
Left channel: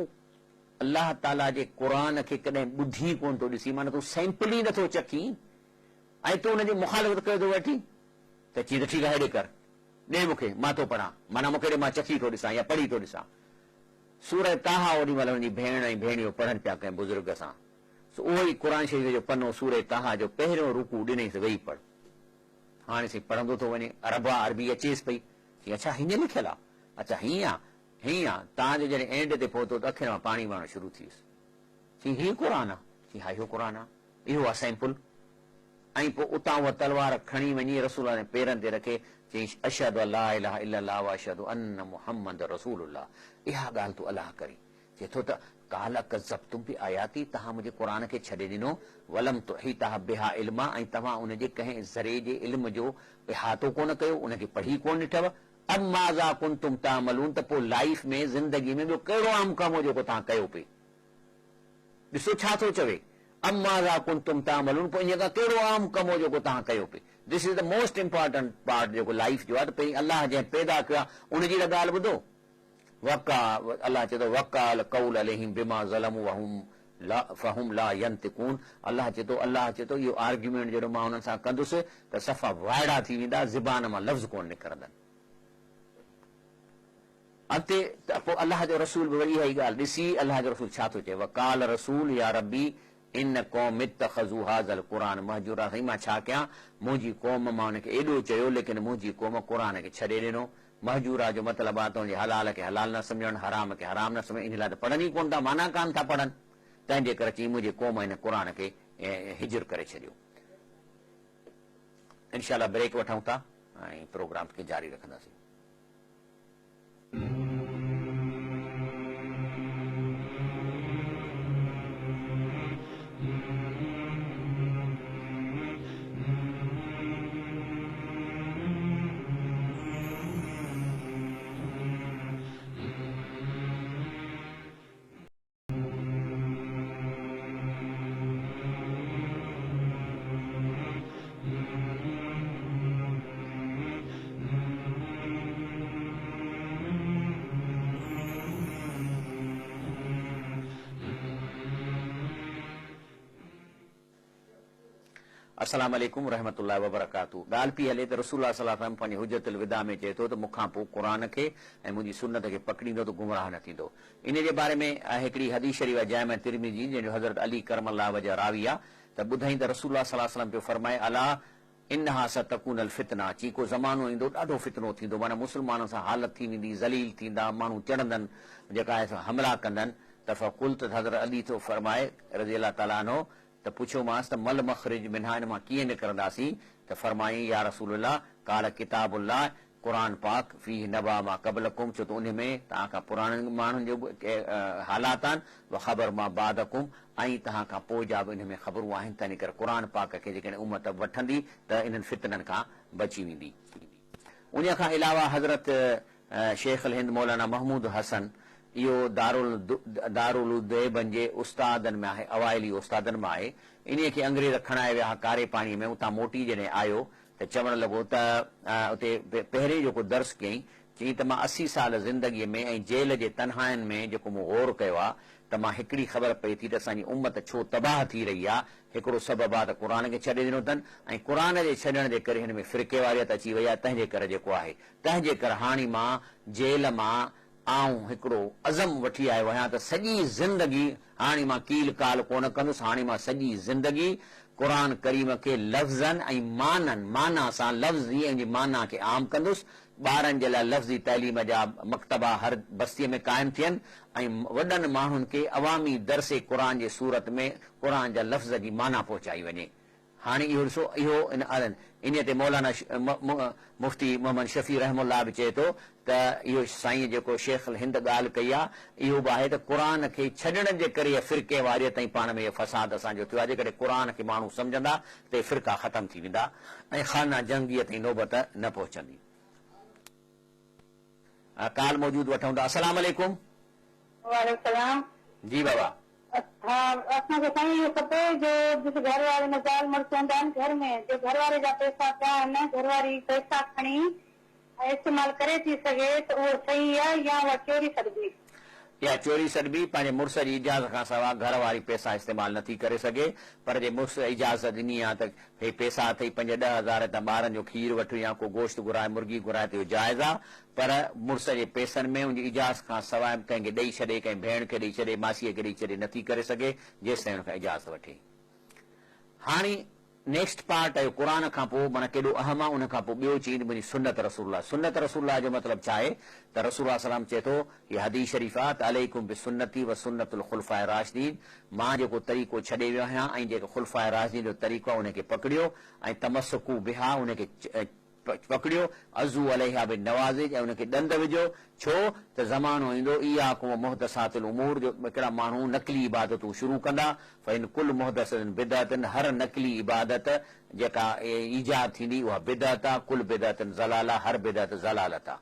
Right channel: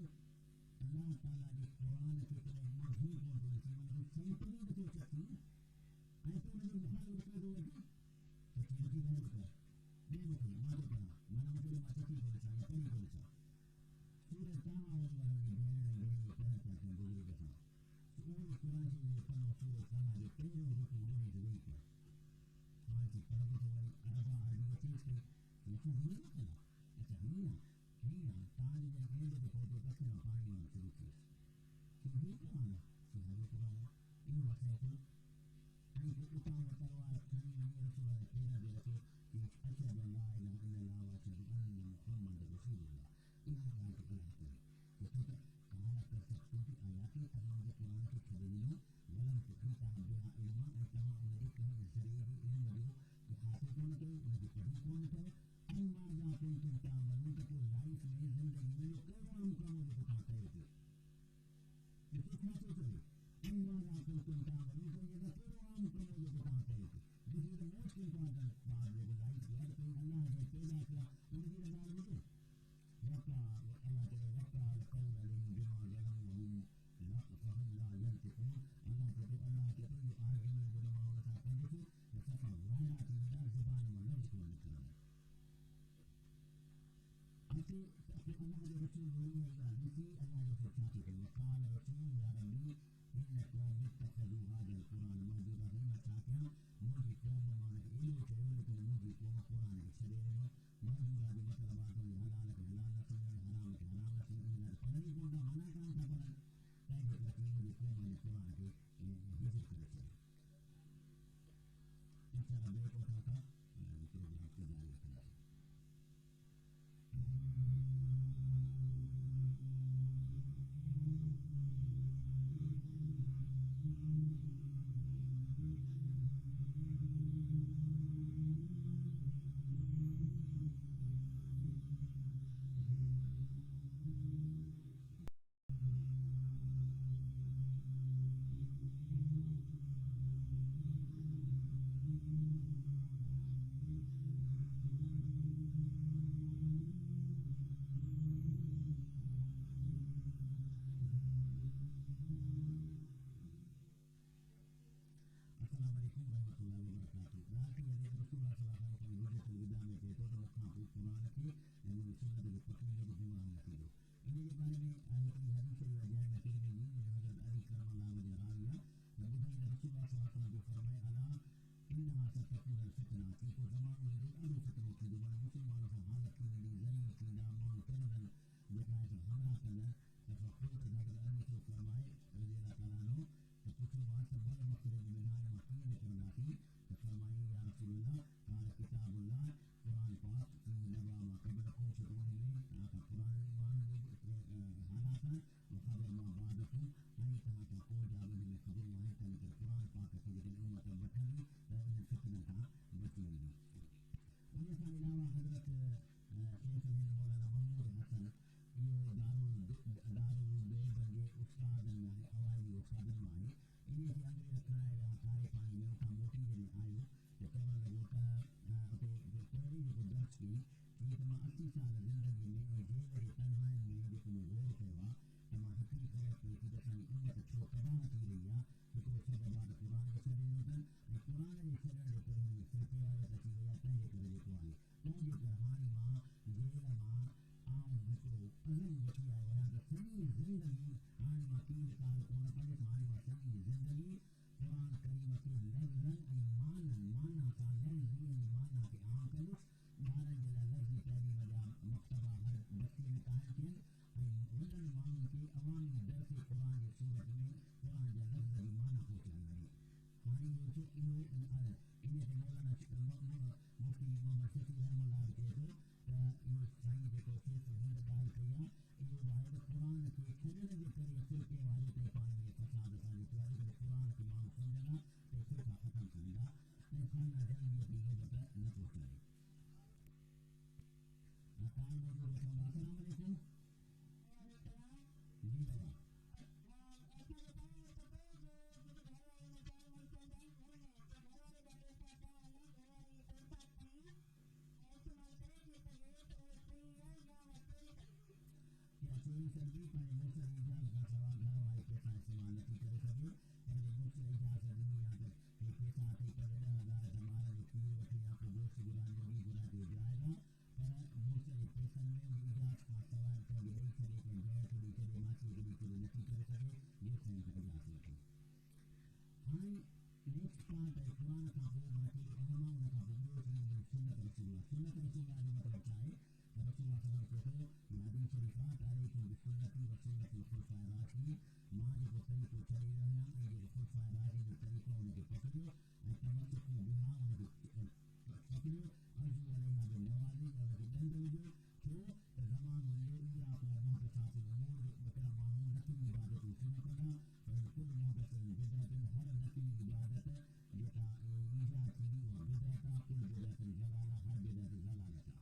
अलाह ताला जे क़ुर खे कॾहिं ॿुधी कोन थो ॾिसी, माना तूं सैंपल ई नथो चखी ऐं तूं हुनजी मुखालफ़त कयो थो वठी त चई त ठीकु आहे हेॾे कर, ॾे मूंखे, मां थो पढ़ां, माना मूंखे ॾे, मां चखी थो ॾिसां या पढ़ी थो ॾिसां। सूरह ताहा ओॾी महिल हुनजी भेण ऐं भेणियो पढ़नि पिया कंहिं बुज़ुर्ग सां, उहो ई क़ुर शरीफ़ जो पनो सूरह ताहा जो पहिरियों रुकू ॾिनईसि वेही पढ़। हाणे साईं पढ़ंदो थो वञे, अरबा अरबी अचेसि पई, चई अच्छा हीअं लिखियलु आहे, अच्छा हीअं आहे, हीअं आहे। तव्हांजो जॾहिं एंड ते पहुतो त अखियुनि मां पाणी वहणु शुरू थी वियुसि। चई हीअ क़ुर आहे? चई हा इहो क़ुर आहे, इहो आहे सैंपल। ऐं पोइ उतां उहा तलवार खणी वञी रसूल जे पेरनि ते रखे चई अशहदु अल्ला इलाहा इल्लल्लाह व अशहदु अन्न मुहम्मद रसूलुल्लाह, इहा ॻाल्हि तूं अलाह करी। चए थो त काल कज़ब्तुम बि आयाती, तव्हां मुंहिंजे क़ुर खे छॾे ॾिनो, वलम तुहीता बिहा इल्मा, ऐं तव्हां उनजे कंहिं ज़रे जे इल्म जो इहातो कोन कयो, उनखे पढ़ी कोन ॾिठव। अब माज़ा कुंतुम तामलून, त पोइ लाइफ में ज़िंदगी में ॿियो कहिड़ो आम कमु हो जेको तव्हां कयो पिए? ॾिसो छा थो चवे, अब माज़ा कुंतुम तामलून, पोइ इन खां कहिड़ो आम कमु हो जेको तव्हां कयो पिए? This is the most important part जेको लाइफ जो आहे। त पहिरीं अलाह जंहिं पैदा कयो आहे उनजी त ॻाल्हि ॿुधो। वका अलाह चए थो वकाल कौल अलैहिम बिमा ज़लमू फहुम ला यंतिकून। अलाह चए थो इहो आर्ग्यूमेंट जॾहिं मां हुननि सां कंदुसि त सफ़ा वाइड़ा थी वेंदा, ज़बान मां लफ़्ज़ कोन निकिरंदनि। अॻिते त पोइ अलाह जो रसूल बि वरी इहा ई ॻाल्हि ॾिसी, अलाह जो रसूल छा थो चए, वकाल रसूल या रबी इन क़ौम इत्तख़ज़ू हाज़ल क़ुरान महजूरा। साईं मां छा कयां, मुंहिंजी क़ौम मां हुनखे एॾो चयो लेकिन मुंहिंजी क़ौम क़ुर खे छॾे ॾिनो। महजूरा जो मतिलबु आहे त हुनजे हलाल खे हलाल न सम्झणु, हराम खे हराम न सम्झणु, इन लाइ त पढ़नि ई कोन था, माना कान था पढ़नि। तंहिंजे करे चई मुंहिंजे क़ौम हिन क़ुर खे हिजर करे छॾियो। इनशाला ब्रेक वठूं था ऐं प्रोग्राम खे जारी रखंदासीं। अस्सलाम वालेकुम रहमतुल्लाहि व बरकातहू। ॻाल्हि पई हले त रसूल सल्लल्लाहु अलैहि वसल्लम पंहिंजे हुज्जतुल विदा में चए थो त मूंखां पोइ क़ुर खे ऐं मुंहिंजी सुन्नत खे पकड़ींदो त गुमराह न थींदो। इन जे बारे में हिकिड़ी हदीस शरीफ़ आहे जामे तिरमिज़ी, जंहिंजो हज़रत अली करमल्लाह वजह रावी आहे, त ॿुधाई त रसूल सल्लल्लाहु अलैहि वसल्लम पियो फरमाए अला इन्हा सतकुनल फितना, चई को ज़मानो ईंदो ॾाढो फितनो थींदो, माना मुस्लमाननि सां हालत थी वेंदी, ज़लील थींदा, माण्हू चढ़ंदनि, जेका आहे हमला कंदनि। त फ़कुल त हज़रत अली थो फरमाए रज़ी अल्लाह ताला अन्हु, त पुछियोमांसि त मल मखरिज मिन्हा, इन मां कीअं निकिरंदासीं? त फरमाई या रसूलल्लाह काल किताबुल्लाह, क़ुर पाक फी नबा मां क़बलकुम, छो त उन में तव्हां खां पुराणनि माण्हुनि जो हालात आहिनि, व ख़बर मां बादकुम, ऐं तव्हां खां पोइ जा बि इन में ख़बरूं आहिनि। तंहिं करे क़ुर पाक खे जेकॾहिं उमत वठंदी त इन्हनि फितननि खां बची वेंदी। उन खां अलावा हज़रत शेख अल हिंद मौलाना महमूद हसन, इहो दारुल देवबंद जे उस्तादनि में आहे, अवाइली उस्तादनि मां आहे। इन खे अंग्रेज़ खणाए विया कारे पाणीअ में, उतां मोटी जॾहिं आयो त चवणु लॻो त उते पहिरें जेको दर्स कयईं, चई त मां 80 साल ज़िंदगीअ में ऐं जेल जे तनहाइनि में जेको मूं गौर कयो आहे, त मां हिकिड़ी ख़बर पई थी त असांजी उम्मत छो तबाह थी रही आहे। हिकिड़ो सबबु आहे त क़ुर खे छॾे ॾिनो अथनि, ऐं क़ुर जे छॾण जे करे हिन में फिरके वारियत अची वई आहे। तंहिंजे करे जेको आहे, तंहिंजे करे हाणे मां जेल मां आऊं हिकिड़ो अज़म वठी आयो आहियां त सॼी ज़िंदगी हाणे मां कील काल कोन कंदुसि, हाणे मां सॼी ज़िंदगी क़ुर करीम खे लफ़्ज़नि ऐं माना सां लफ़्ज़ी ऐं माना खे आम कंदुसि। ॿारनि जे लाइ लफ़्ज़ी तइलीम जा मकतबा हर बस्तीअ में क़ाइमु थियनि, ऐं वॾनि माण्हुनि खे अवामी दरसे क़ुर जे सूरत में क़ुर जा लफ़्ज़ जी माना पहुचाई वञे। हाणे इहो ॾिसो, इहो इन ते मौलाना मुफ़्ती मोहम्मद शफ़ी रहमुल्लाह बि चए थो त इहो साईं जेको शेख अल हिंद ॻाल्हि कई आहे, इहो बि आहे त क़ुर खे छॾण जे करे फिरके वारियत ऐं पाण में फसाद असांजो थियो आहे। जेकॾहिं क़ुर खे माण्हू सम्झंदा त फिरका ख़तमु थी वेंदा ऐं ख़ाना जंगीअ ताईं नौबत न पहुचंदी। काल मौजूद वठूं था। अस्सलाम वालेकुम। वालेकुम सलाम। जी बाबा। हाँ, असांखे साईं इहो खपे जो जिस घर वारे में ज़ाल मुड़ुस हूंदा आहिनि घर में, जो घर वारे जा पैसा पिया आहिनि, घर वारी पैसा खणी इस्तेमाल करे थी सघे त उहो सही आहे या उहा चोरी सघिबी? या चोरी सॾबी पंहिंजे मुड़ुस जी इजाज़त खां सवाइ घर वारी पैसा इस्तेमालु नथी करे सघे, पर जे मुड़ुस इजाज़त ॾिनी आहे त हे पैसा अथई 5-10 हज़ार त ॿारनि जो खीर वठि या को गोश्त घुराए मुर्गी घुराए त इहो जाइज़ आहे, पर मुड़ुस जे पैसनि में उनजी इजाज़त खां सवाइ कंहिंखे ॾेई छॾे, कंहिं भेण खे ॾेई छॾे, मासीअ खे ॾेई छॾे नथी करे सघे जेसिताईं हुन खां इजाज़त वठे। हाणे नेक्स्ट पार्ट आहे क़ुर खां पोइ माना केॾो अहम आहे, उन खां पोइ ॿियो चीज मुंहिंजी सुन्नत रसूलुल्लाह। सुन्नत रसूलुल्लाह जो मतिलबु छा आहे त रसूलुल्लाह सलाम चए थो हीअ हदीस शरीफ़ आहे त अलैकुम बिसुन्नती व सुन्नतुल खुलफाए राशिदीन, मां जेको तरीक़ो छॾे वियो आहियां ऐं जेको खुलफाए राशिदीन जो तरीक़ो आहे उनखे पकड़ियो ऐं तमस्सकू बिहा उनखे पकड़ियो, अज़ू अलैहा बिन नवाज़िज ऐं उनखे ॾंद विझो। छो त ज़मानो ईंदो इयाकुम मुहदसातिल उमूर जो हिकिड़ा माण्हू नकली इबादतूं शुरू कंदा, फ़इन कुल मुहदसतिन बिदअतन, हर नकली इबादत जेका ईजाद थींदी उहा बिदअत आहे, कुल बिदअतन ज़लाला, हर बिदअत ज़लालत आहे।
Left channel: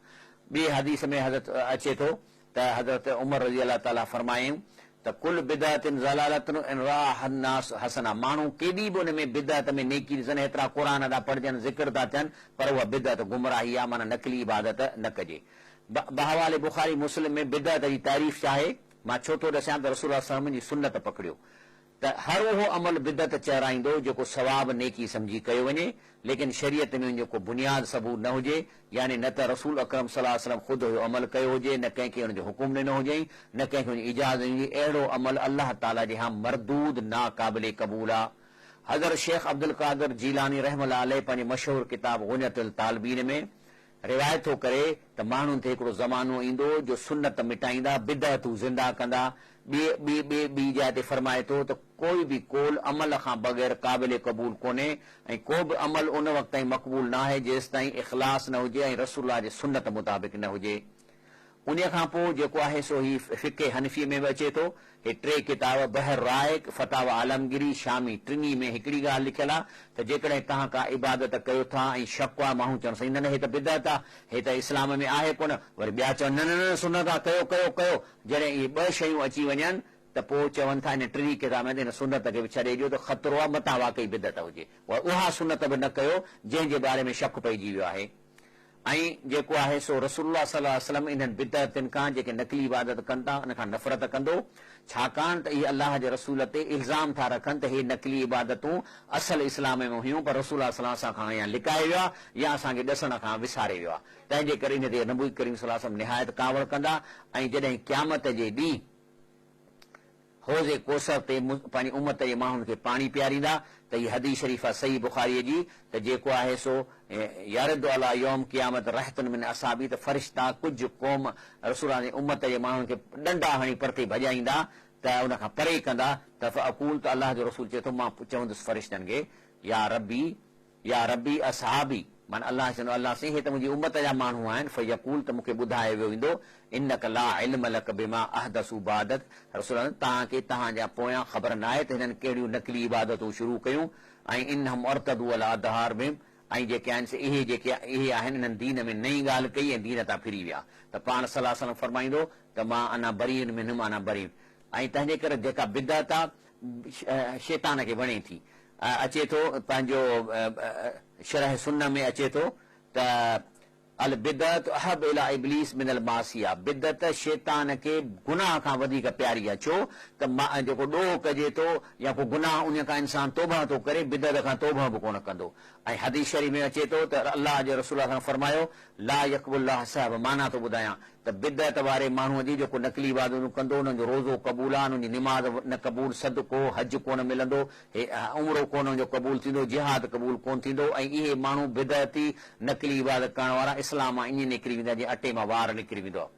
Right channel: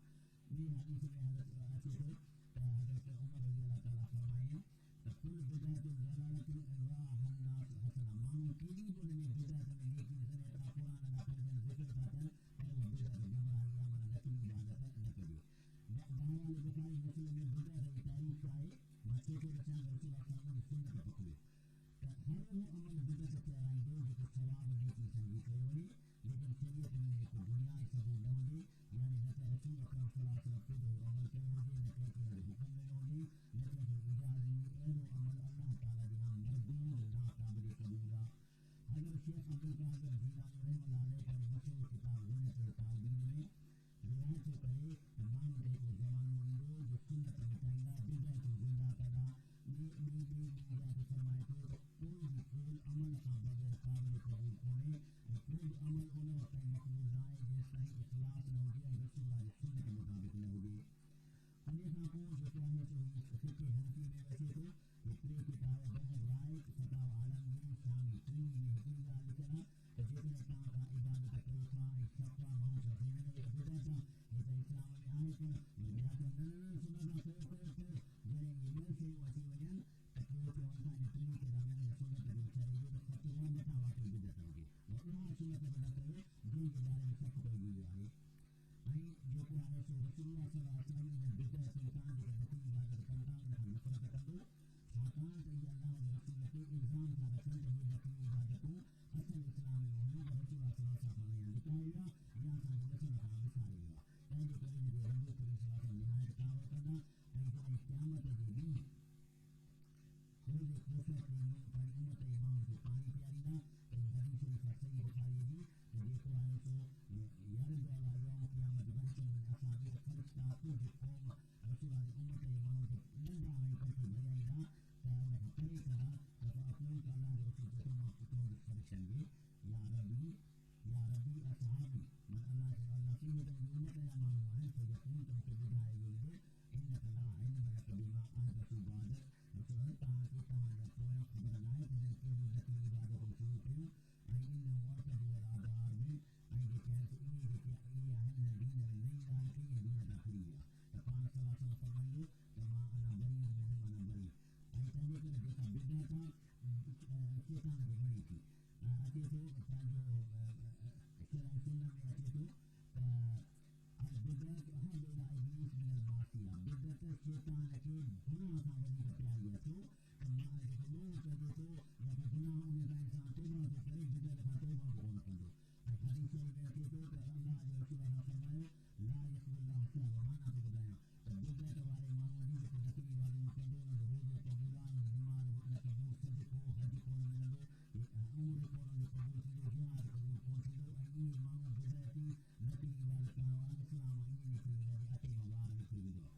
ॿिए हदीस में हज़रत अचे थो त हज़रत उमर रज़ी अल्लाह ताला फरमायूं त कुल बिदअतिन ज़लालतन इन राह अन्नास हसना, माण्हू केॾी बि उन में बिदअत में नेकी ॾिसनि, एतिरा क़ुर था पढ़जनि, ज़िक्र था थियनि, पर उहा बिदअत गुमराही आहे, माना नकली इबादत न कजे। बहवाले बुखारी मुस्लिम में बिदअत जी तारीफ़ छा आहे, मां छो थो ॾसां त रसूल सल्लल्लाहु अलैहि वसल्लम जी सुन्नत पकड़ियो त हर उहो अमल बिदअत चहिराईंदो जेको सवाब नेकी सम्झी कयो वञे, लेकिन शरीयत में जेको बुनियाद सबूत न हुजे, यानी न त रसूल अकरम सल्लल्लाहु अलैहि वसल्लम ख़ुदि अमल कयो हुजे, न कंहिंखे हुनजो हुकुम ॾिनो हुजे, न कंहिंखे हुनजी इजाज़त ॾिनी, अहिड़ो अमल अल्लाह ताला जे यहाँ मरदूद नाक़ाबिले क़बूल आहे। हज़रत शेख अब्दुल क़ादिर जीलानी रहमतुल्लाह अलैह पंहिंजी मशहूर किताब गुनियतुल तालिबीन में रिवायत थो करे त माण्हुनि ते हिकिड़ो ज़मानो ईंदो जो सुन्नत मिटाईंदा, बिदअतूं ज़िंदा कंदा। ॿी जाइ ते फरमाए थो त कोई बि कोल अमल खां बग़ैर क़ाबिल क़बूल कोन्हे ऐं को बि अमल उन वक़्त ताईं मक़बूल न आहे जेसि ताईं इख़लास न हुजे ऐं रसूलुल्लाह जे सुन्नत मुताबिक़ न हुजे। उन खां पोइ जेको आहे सो ही फ़िक़े हनफ़ी में बि अचे थो, हे 3 किताब बहर राइक, फतावा आलमगिरी, शामी, टिनी में हिकिड़ी ॻाल्हि लिखियलु आहे त जेकॾहिं तव्हां का इबादत कयो था ऐं शक आहे, माण्हू चवनि साईं न न हे त बिदअत आहे, हे त इस्लाम में आहे कोन, वरी ॿिया चवनि न न न सुन्नत आहे, कयो कयो कयो। जॾहिं इहे 2 शयूं अची वञनि त पोइ चवनि था इन 3 किताब में हिन सुन्नत खे बि छॾे ॾियो त ख़तरो आहे मतां वाकई बिदअत हुजे, उहा सुन्नत बि न कयो जंहिंजे बारे में शक पइजी वियो आहे। ऐं जेको आहे सो रसूलुल्लाह सल्लल्लाहु अलैहि वसल्लम इन्हनि बिदअतुनि खां जेके नकली इबादत कनि था उन खां नफ़रत कंदो, छाकाणि त इहे अलाह जे रसूल ते इल्ज़ाम था रखनि त हे नकली इबादतूं असल इस्लाम में हुयूं, पर रसूल सल्लल्लाहु अलैहि वसल्लम खां या लिकाए वियो आहे या असांखे ॾसण खां विसारे वियो आहे। तंहिंजे करे इन ते नबी करीम सल्लल्लाहु अलैहि वसल्लम निहायत कावड़ कंदा ऐं जॾहिं क़यामत जे ॾींहुं हौज़े कोसर ते पंहिंजी उम्मत जे माण्हुनि खे पाणी पीआरींदा त हीअ हदीस शरीफ़ आहे सही बुखारीअ जी त जेको आहे सो यारद अला यौम क़यामत रहतन मिन असाबी, त फ़रिश्ता कुझु क़ौम रसूल जी उम्मत जे माण्हुनि खे डंडा हणी परते भॼाईंदा त उन खां परे कंदा त अकूल त अलाह जो रसूल चए थो मां चवंदुसि फ़रिश्तनि खे या रबी असहाबी, माना अलाह चवंदो अलाह साईं हे त मुंहिंजी उम्मत जा माण्हू आहिनि, फ़यक़ूल त मूंखे ॿुधाए वियो ईंदो इन्नक ला इल्म लक बिमा अहदसू बादत, रसूल तव्हांखे तव्हांजा पोयां ख़बर न आहे त हिननि कहिड़ियूं नकली इबादतूं शुरू कयूं ऐं इन्हम अरतदू अला अदहार में, ऐं जेके आहिनि इहे आहिनि इन्हनि दीन में नई ॻाल्हि कई ऐं दीन तां फिरी विया, त पाण सल्लल्लाहु अलैहि वसल्लम फरमाईंदो त मां अना बरीन मिनहुम अना बरीन। ऐं तंहिंजे करे जेका बिदअत आहे शैतान खे वणे थी। अचे थो पंहिंजो शरह सुन्न में अचे थो त अल बिदअत अहब इला इब्लीस मिनल मासिया, बिदअत शैतान खे गुनाह खां वधीक प्यारी आहे। छो त जेको ॾोह कजे थो या को गुनाह उन खां इंसान तौबा थो करे, बिदअत खां तौबा बि कोन कंदो। ऐं हदीस शरीफ़ में अचे थो त अलाह जे रसूल खां फरमायो ला यक़बुल्लाह साहिब, माना थो ॿुधायां त बिदअत वारे माण्हूअ जी जेको नकली इबादतूं कंदो उन्हनि जो रोज़ो क़बूल आहे, उन्हनि जी निमाज़ न क़बूल, सदको हज कोन मिलंदो, उमिरो कोन जो क़बूल थींदो, जिहाद क़बूल कोन थींदो। ऐं इहे माण्हू बिदअती नकली इबादत करण वारा इस्लाम मां ईअं निकिरी वेंदा जीअं अटे मां वार निकिरी वेंदो आहे।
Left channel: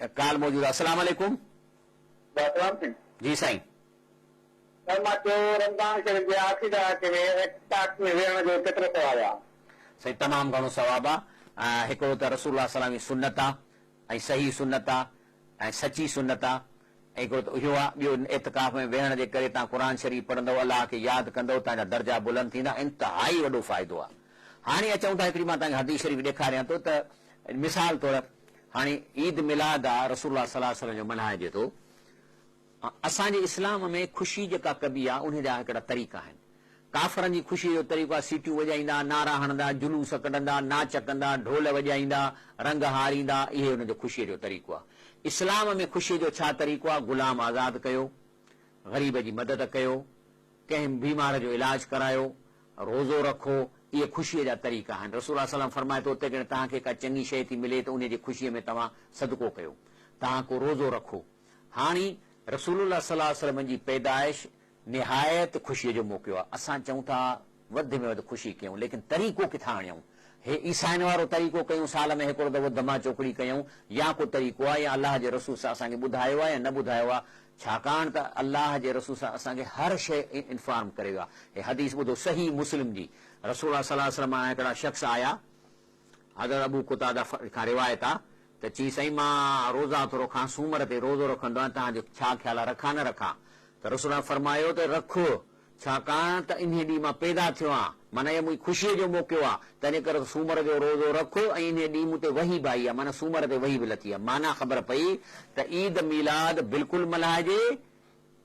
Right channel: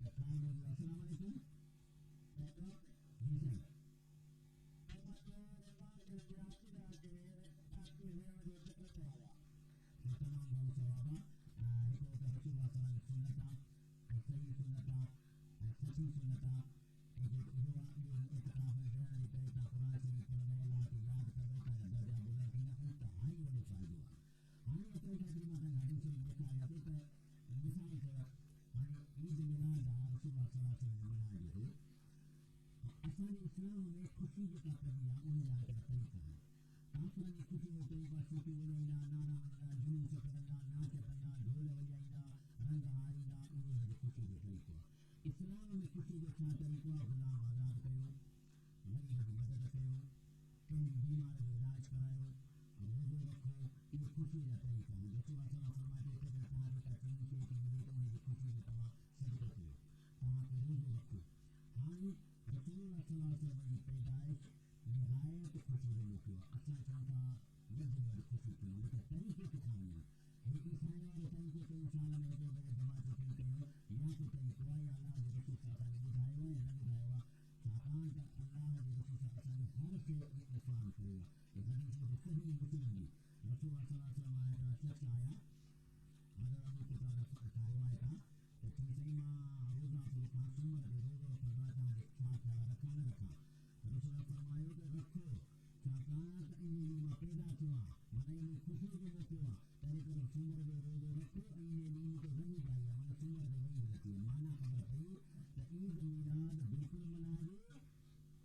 ऐं काल मौजूद आहे। अस्सलाम वालेकुम। जी साईं। साईं तमामु घणो सवाबु आहे। हिकिड़ो त रसूलुल्लाह सल्लल्लाहु अलैहि वसल्लम जी सुन्नत आहे ऐं सही सुन्नत आहे ऐं सची सुन्नत आहे। ऐं हिकिड़ो त इहो आहे, ॿियो इतिकाफ़ में वेहण जे करे तव्हां क़ुर शरीफ़ पढ़ंदव, अलाह खे यादि कंदव, तव्हांजा दर्जा बुलंद थींदा, इंतिहाई वॾो फ़ाइदो आहे। हाणे अचूं था हिकिड़ी मां तव्हांखे हदीस शरीफ़ ॾेखारियां थो त मिसाल तौरु हाणे ईद मिलाद आहे, रसूलुल्लाह सल्लल्लाहु अलैहि वसल्लम जो मल्हाइजे थो। असांजे इस्लाम में ख़ुशी जेका कबी आहे उन जा हिकिड़ा तरीक़ा आहिनि। काफ़रनि जी ख़ुशीअ जो तरीक़ो आहे सीटियूं वॼाईंदा, नारा हणंदा, जुलूस कढंदा, नाच कंदा, ढोल वॼाईंदा, रंग हारींदा, इहे हुन जो ख़ुशीअ जो तरीक़ो आहे। इस्लाम में ख़ुशीअ जो छा तरीक़ो आहे? ग़ुलाम आज़ादु कयो, ग़रीब जी मदद कयो, कंहिं बीमार जो इलाज करायो, रोज़ो रखो, इहे ख़ुशीअ जा तरीक़ा आहिनि। रसूल सल्लल्लाहु अलैहि वसल्लम फरमाए थो उते कि तव्हांखे का चङी शइ थी मिले त उन जी ख़ुशीअ में तव्हां सदको कयो, तव्हां को रोज़ो रखो। हाणे रसूलुल्लाह सल्लल्लाहु अलैहि वसल्लम जी पैदाइश निहायत ख़ुशीअ जो मौक़ो आहे। असां चऊं था वधि में वधि ख़ुशी कयूं, लेकिन तरीक़ो किथां आणियूं? हे ईसाइनि वारो तरीक़ो कयूं, साल में हिकिड़ो दफ़ो दमा चोकड़ी कयूं, या को तरीक़ो आहे या अलाह जे रसूल सां असांखे ॿुधायो आहे या न ॿुधायो आहे? छाकाणि त अलाह जे रसूल सां असांखे हर शइ इंफॉर्म करे वियो आहे। हे हदीस ॿुधो, सही मुस्लिम जी, रसूल सल्लल्लाहु अलैहि वसल्लम हिकिड़ा शख़्स आया, हज़रत अबू कुतादा खां रिवायत आहे त चई साईं मां रोज़ा थो रखां, सूमर ते रोज़ो रखंदो आहियां, तव्हांजो छा ख़्यालु आहे, रखां न रखां? त रसूल फरमायो त रखो, छाकाणि त इन ॾींहुं मां पैदा थियो आहियां, माना इहो मुंहिंजी ख़ुशीअ जो मौक़ो आहे, तंहिं करे सूमर जो रोज़ो रखो ऐं इन ॾींहुं मूं ते वही बि आई आहे, माना सूमर ते वही बि लथी आहे। माना ख़बर पई त ईद मीलाद बिल्कुलु मल्हाइजे,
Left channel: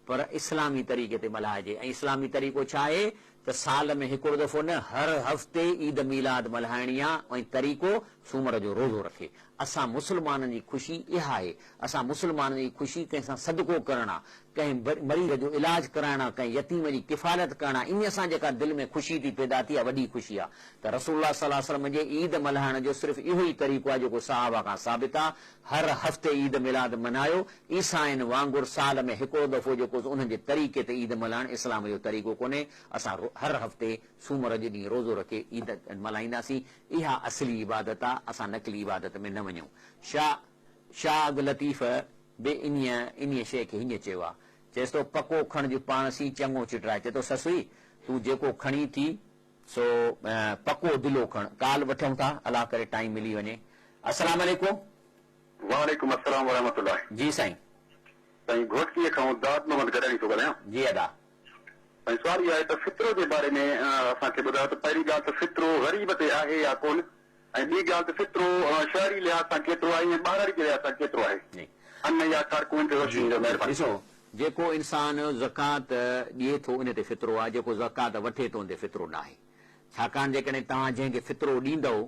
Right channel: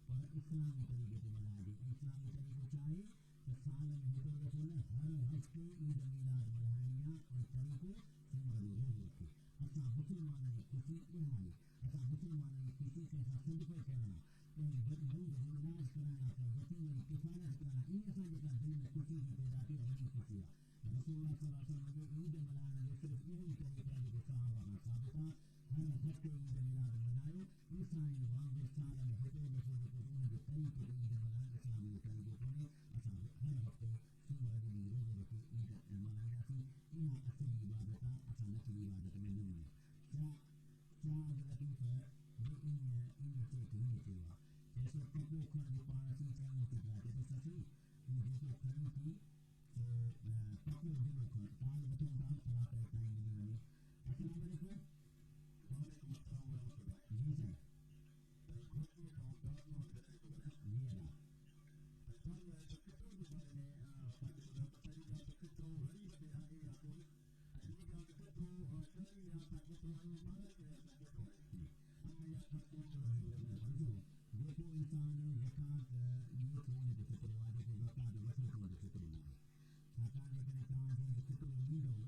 पर इस्लामी तरीक़े ते मल्हाइजे। ऐं इस्लामी तरीक़ो छा आहे त साल में हिकिड़ो दफ़ो न, हर हफ़्ते ईद मीलाद मल्हाइणी आहे, ऐं तरीक़ो सूमर जो रोज़ो रखे। असां मुस्लमाननि जी ख़ुशी इहा आहे, असां मुस्लमाननि जी ख़ुशी कंहिंसां सदको करणु आहे, कंहिं मरीज़ जो इलाज कराइणु आहे, कंहिं यतीम जी किफ़ालत करणु आहे, इन सां जेका दिलि में ख़ुशी थी पैदा थी आहे, वॾी ख़ुशी आहे। त रसूलुल्लाह सल्लल्लाहु अलैहि वसल्लम जे ईद मल्हाइण जो सिर्फ़ु इहो ई तरीक़ो आहे जेको सहाबा खां साबित आहे। हर हफ़्ते ईद मिलाद मल्हायो, ईसाइनि वांगुरु साल में हिकिड़ो दफ़ो जेको उन्हनि जे तरीक़े ते ईद मल्हाइणु इस्लाम जो तरीक़ो कोन्हे। असां हर हफ़्ते सूमर जे ॾींहुं रोज़ो रखे ईद मल्हाईंदासीं, इहा असली इबादत आहे, असां नकली इबादत में न वञूं। शाह अब्दुल लतीफ़ बि इन शइ खे हीअं चयो आहे, चएसि थो पको खण जो पाण सी चङो चिटराए, चए थो ससुई तूं जेको खणी थी सो पको दिलो खण। काल वठूं था, अलाह करे टाइम मिली वञे। अस्सलाम वालेकुम। वालेकुम अस्सलाम वरहमतुल्लाह। जी साईं। साईं घोटकीअ खां दाद मोहम्मद गॾाणी थो ॻाल्हायां। जी अदा। साईं सुवाल इहो आहे त फित्रो जे बारे में असांखे ॿुधायो त पहिरीं ॻाल्हि त फित्रो ग़रीब ते आहे या कोन, ऐं ॿी ॻाल्हि त फित्रो शहरी लिहाज़ सां केतिरो आहे ऐं ॿाहिरि जे लिहाज़ सां केतिरो आहे, अन या कारकुन ते रोशनी जो महिरबानी। ॾिसो, जेको इंसान ज़कात ॾिए थो उन ते फित्रो आहे, जेको ज़कात वठे थो उन ते फित्रो न आहे। छाकाणि जेकॾहिं तव्हां जंहिंखे फित्रो ॾींदव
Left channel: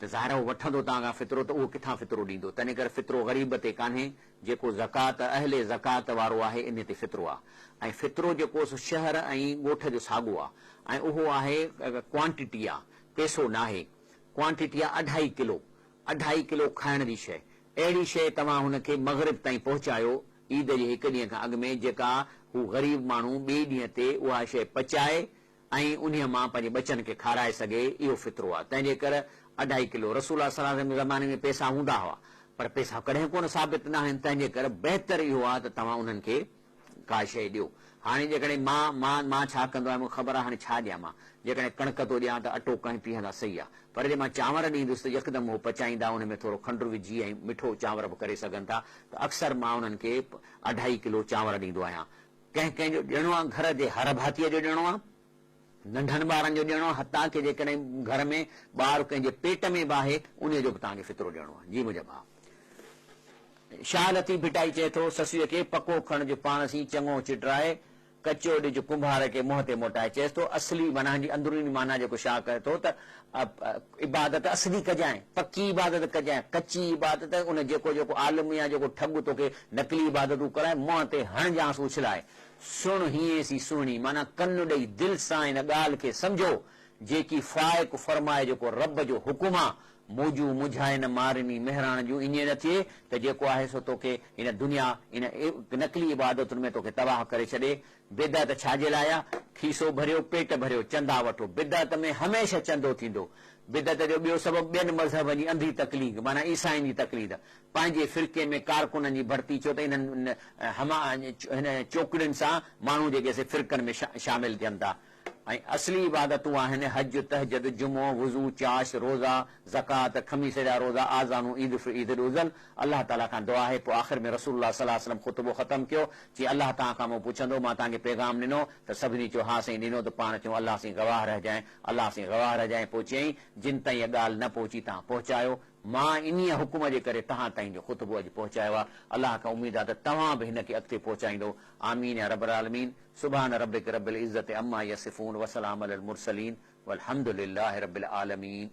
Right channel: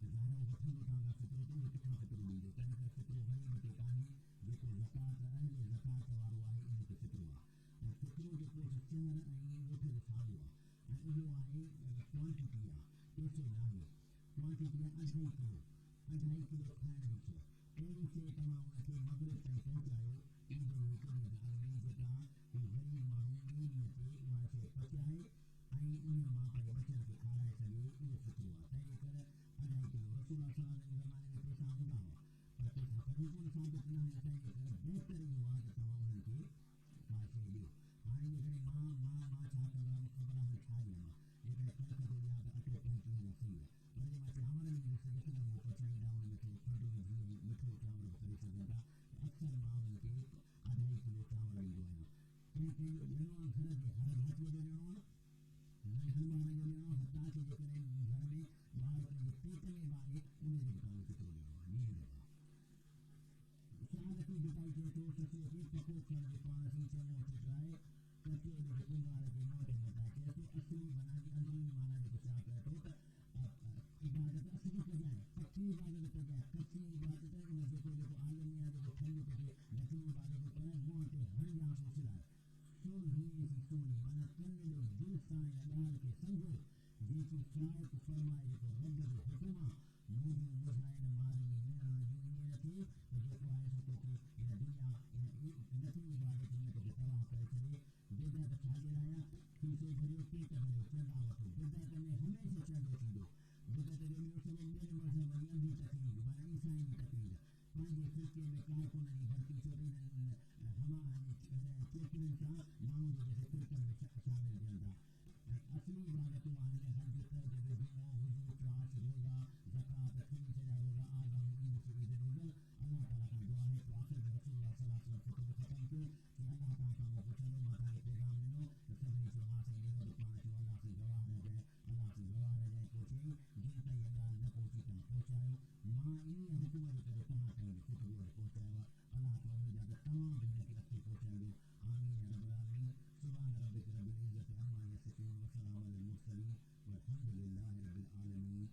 त ज़ाहिर उहो वठंदो तव्हां खां फित्रो, त उहो किथां फित्रो ॾींदो? तंहिं करे फित्रो ग़रीब ते कान्हे, जेको ज़कात अहले ज़कात वारो आहे इन ते फित्रो आहे। ऐं फित्रो जेको शहर ऐं ॻोठ जो साॻियो आहे, ऐं उहो आहे क्वांटिटी आहे, पैसो न आहे। क्वांटिटी आहे 2.5 किलो, 2.5 किलो खाइण जी शइ। अहिड़ी शइ तव्हां हुनखे मग़रिब ताईं पहुचायो ईद जे हिकु ॾींहं खां अॻु में, जेका हू ग़रीब माण्हू ॿिए ॾींहं ते उहा शइ पचाए ऐं उन मां पंहिंजे बचनि खे खाराए सघे, इहो फित्रो आहे। तंहिंजे करे 2.5 किलो। रसूल सल्लल्लाहु अलैहि वसल्लम जे ज़माने में पैसा हूंदा हुआ, पर पैसा कॾहिं कोन साबित न आहिनि, तंहिंजे करे बहितर इहो आहे त तव्हां उन्हनि खे का शइ ॾियो। हाणे जेकॾहिं मां छा कंदो आहियां, मूंखे ख़बर आहे हाणे छा ॾियां मां। जेकॾहिं कणिक थो ॾियां त अटो कंहिं पीअंदा सही आहे, पर जे मां चांवर ॾींदुसि त यकदमि उहो पचाईंदा, उन में थोरो खंडु विझी ऐं मिठो चांवर बि करे सघनि था। त अक्सर मां उन्हनि खे 2.5 किलो चांवर ॾींदो आहियां। कंहिंजो ॾियणो आहे, घर जे हर भातीअ जो ॾियणो आहे, नंढनि ॿारनि जो ॾियणो आहे, हथा के जेकॾहिं घर में ॿारु कंहिंजे पेट में बि आहे उन जो बि तव्हांखे फित्रो ॾियणो आहे। जी मुंहिंजा भाउ। शाह लतीफ़ भिटाई चए थो ससुअ खे पको खण जो पाण सी चङो चिटराए, कचो ॾिज कुंभार खे मुंहं ते मोटाए। चएसि थो असली माना जी अंदरूनी माना जेको शाह करे थो त इबादत असली कजांइ, पकी इबादत कजांइ, कची इबादत उन जेको आलिम या जेको ठग तोखे नकली इबादतूं कराए मुंहं ते हणजांसि उछलाए। सुण हीअं सी सुहिणी, माना कनु ॾेई दिलि सां इन ॻाल्हि खे सम्झो, जेकी फाइक फरमाए जेको रब जो हुकुम आहे। मौजू मुझाए न मारनी मेहरान जूं ईअं न थिए त जेको आहे सो तोखे इन दुनिया इन नकली इबादतुनि में तोखे तबाह करे छॾे। बिदअत छाजे लाइ आहे? खीसो भरियो, पेट भरियो, चंदा वठो। बिदअत में हमेशह चंदो थींदो। बिदअत जो ॿियो सबबु ॿियनि मज़हबनि जी अंधी तकलीफ़, माना ईसाइनि जी तकलीफ़। पंहिंजे फ़िरके में कारकुननि जी भर्ती, छो त इन्हनि हिन चोकड़ियुनि सां माण्हू जेके फ़िरकनि में शामिल थियनि था। ऐं असली इबादतूं आहिनि हज, तहजद, जुमो, वुज़ू, चाश, रोज़ा, ज़कात, खमीस जा रोज़ा, आज़ानू, ईद उज़ल। अलाह ताला खां दुआ आहे। पोइ आख़िर में रसूलुल्लाह सल्लल्लाहु अलैहि वसल्लम ख़ुतबो ख़तमु कयो, चई अलाह तव्हां खां मूं पुछंदो, मां तव्हांखे पैगाम ॾिनो त सभिनी चयो हा साईं ॾिनो, त पाण चयूं अलाह साईं गवाह रहिजांइ, अलाह साईं गवाह रहिजांइ। पोइ चयईं जिन ताईं इहा ॻाल्हि न पहुची तव्हां पहुचायो, मां इन हुकुम जे करे तव्हां ताईं जो ख़ुतबो अॼु पहुचायो आहे। अलाह खां उमेद आहे त तव्हां बि हिन खे अॻिते पहुचाईंदो। आमीन या रब्बल आलमीन। सुभान रब्बिक रब्बिल इज्जति अम्मा यसिफून व सलाम अलल मुरसलीन वल्हम्दुलिल्लाहि रब्बिल आलमीन।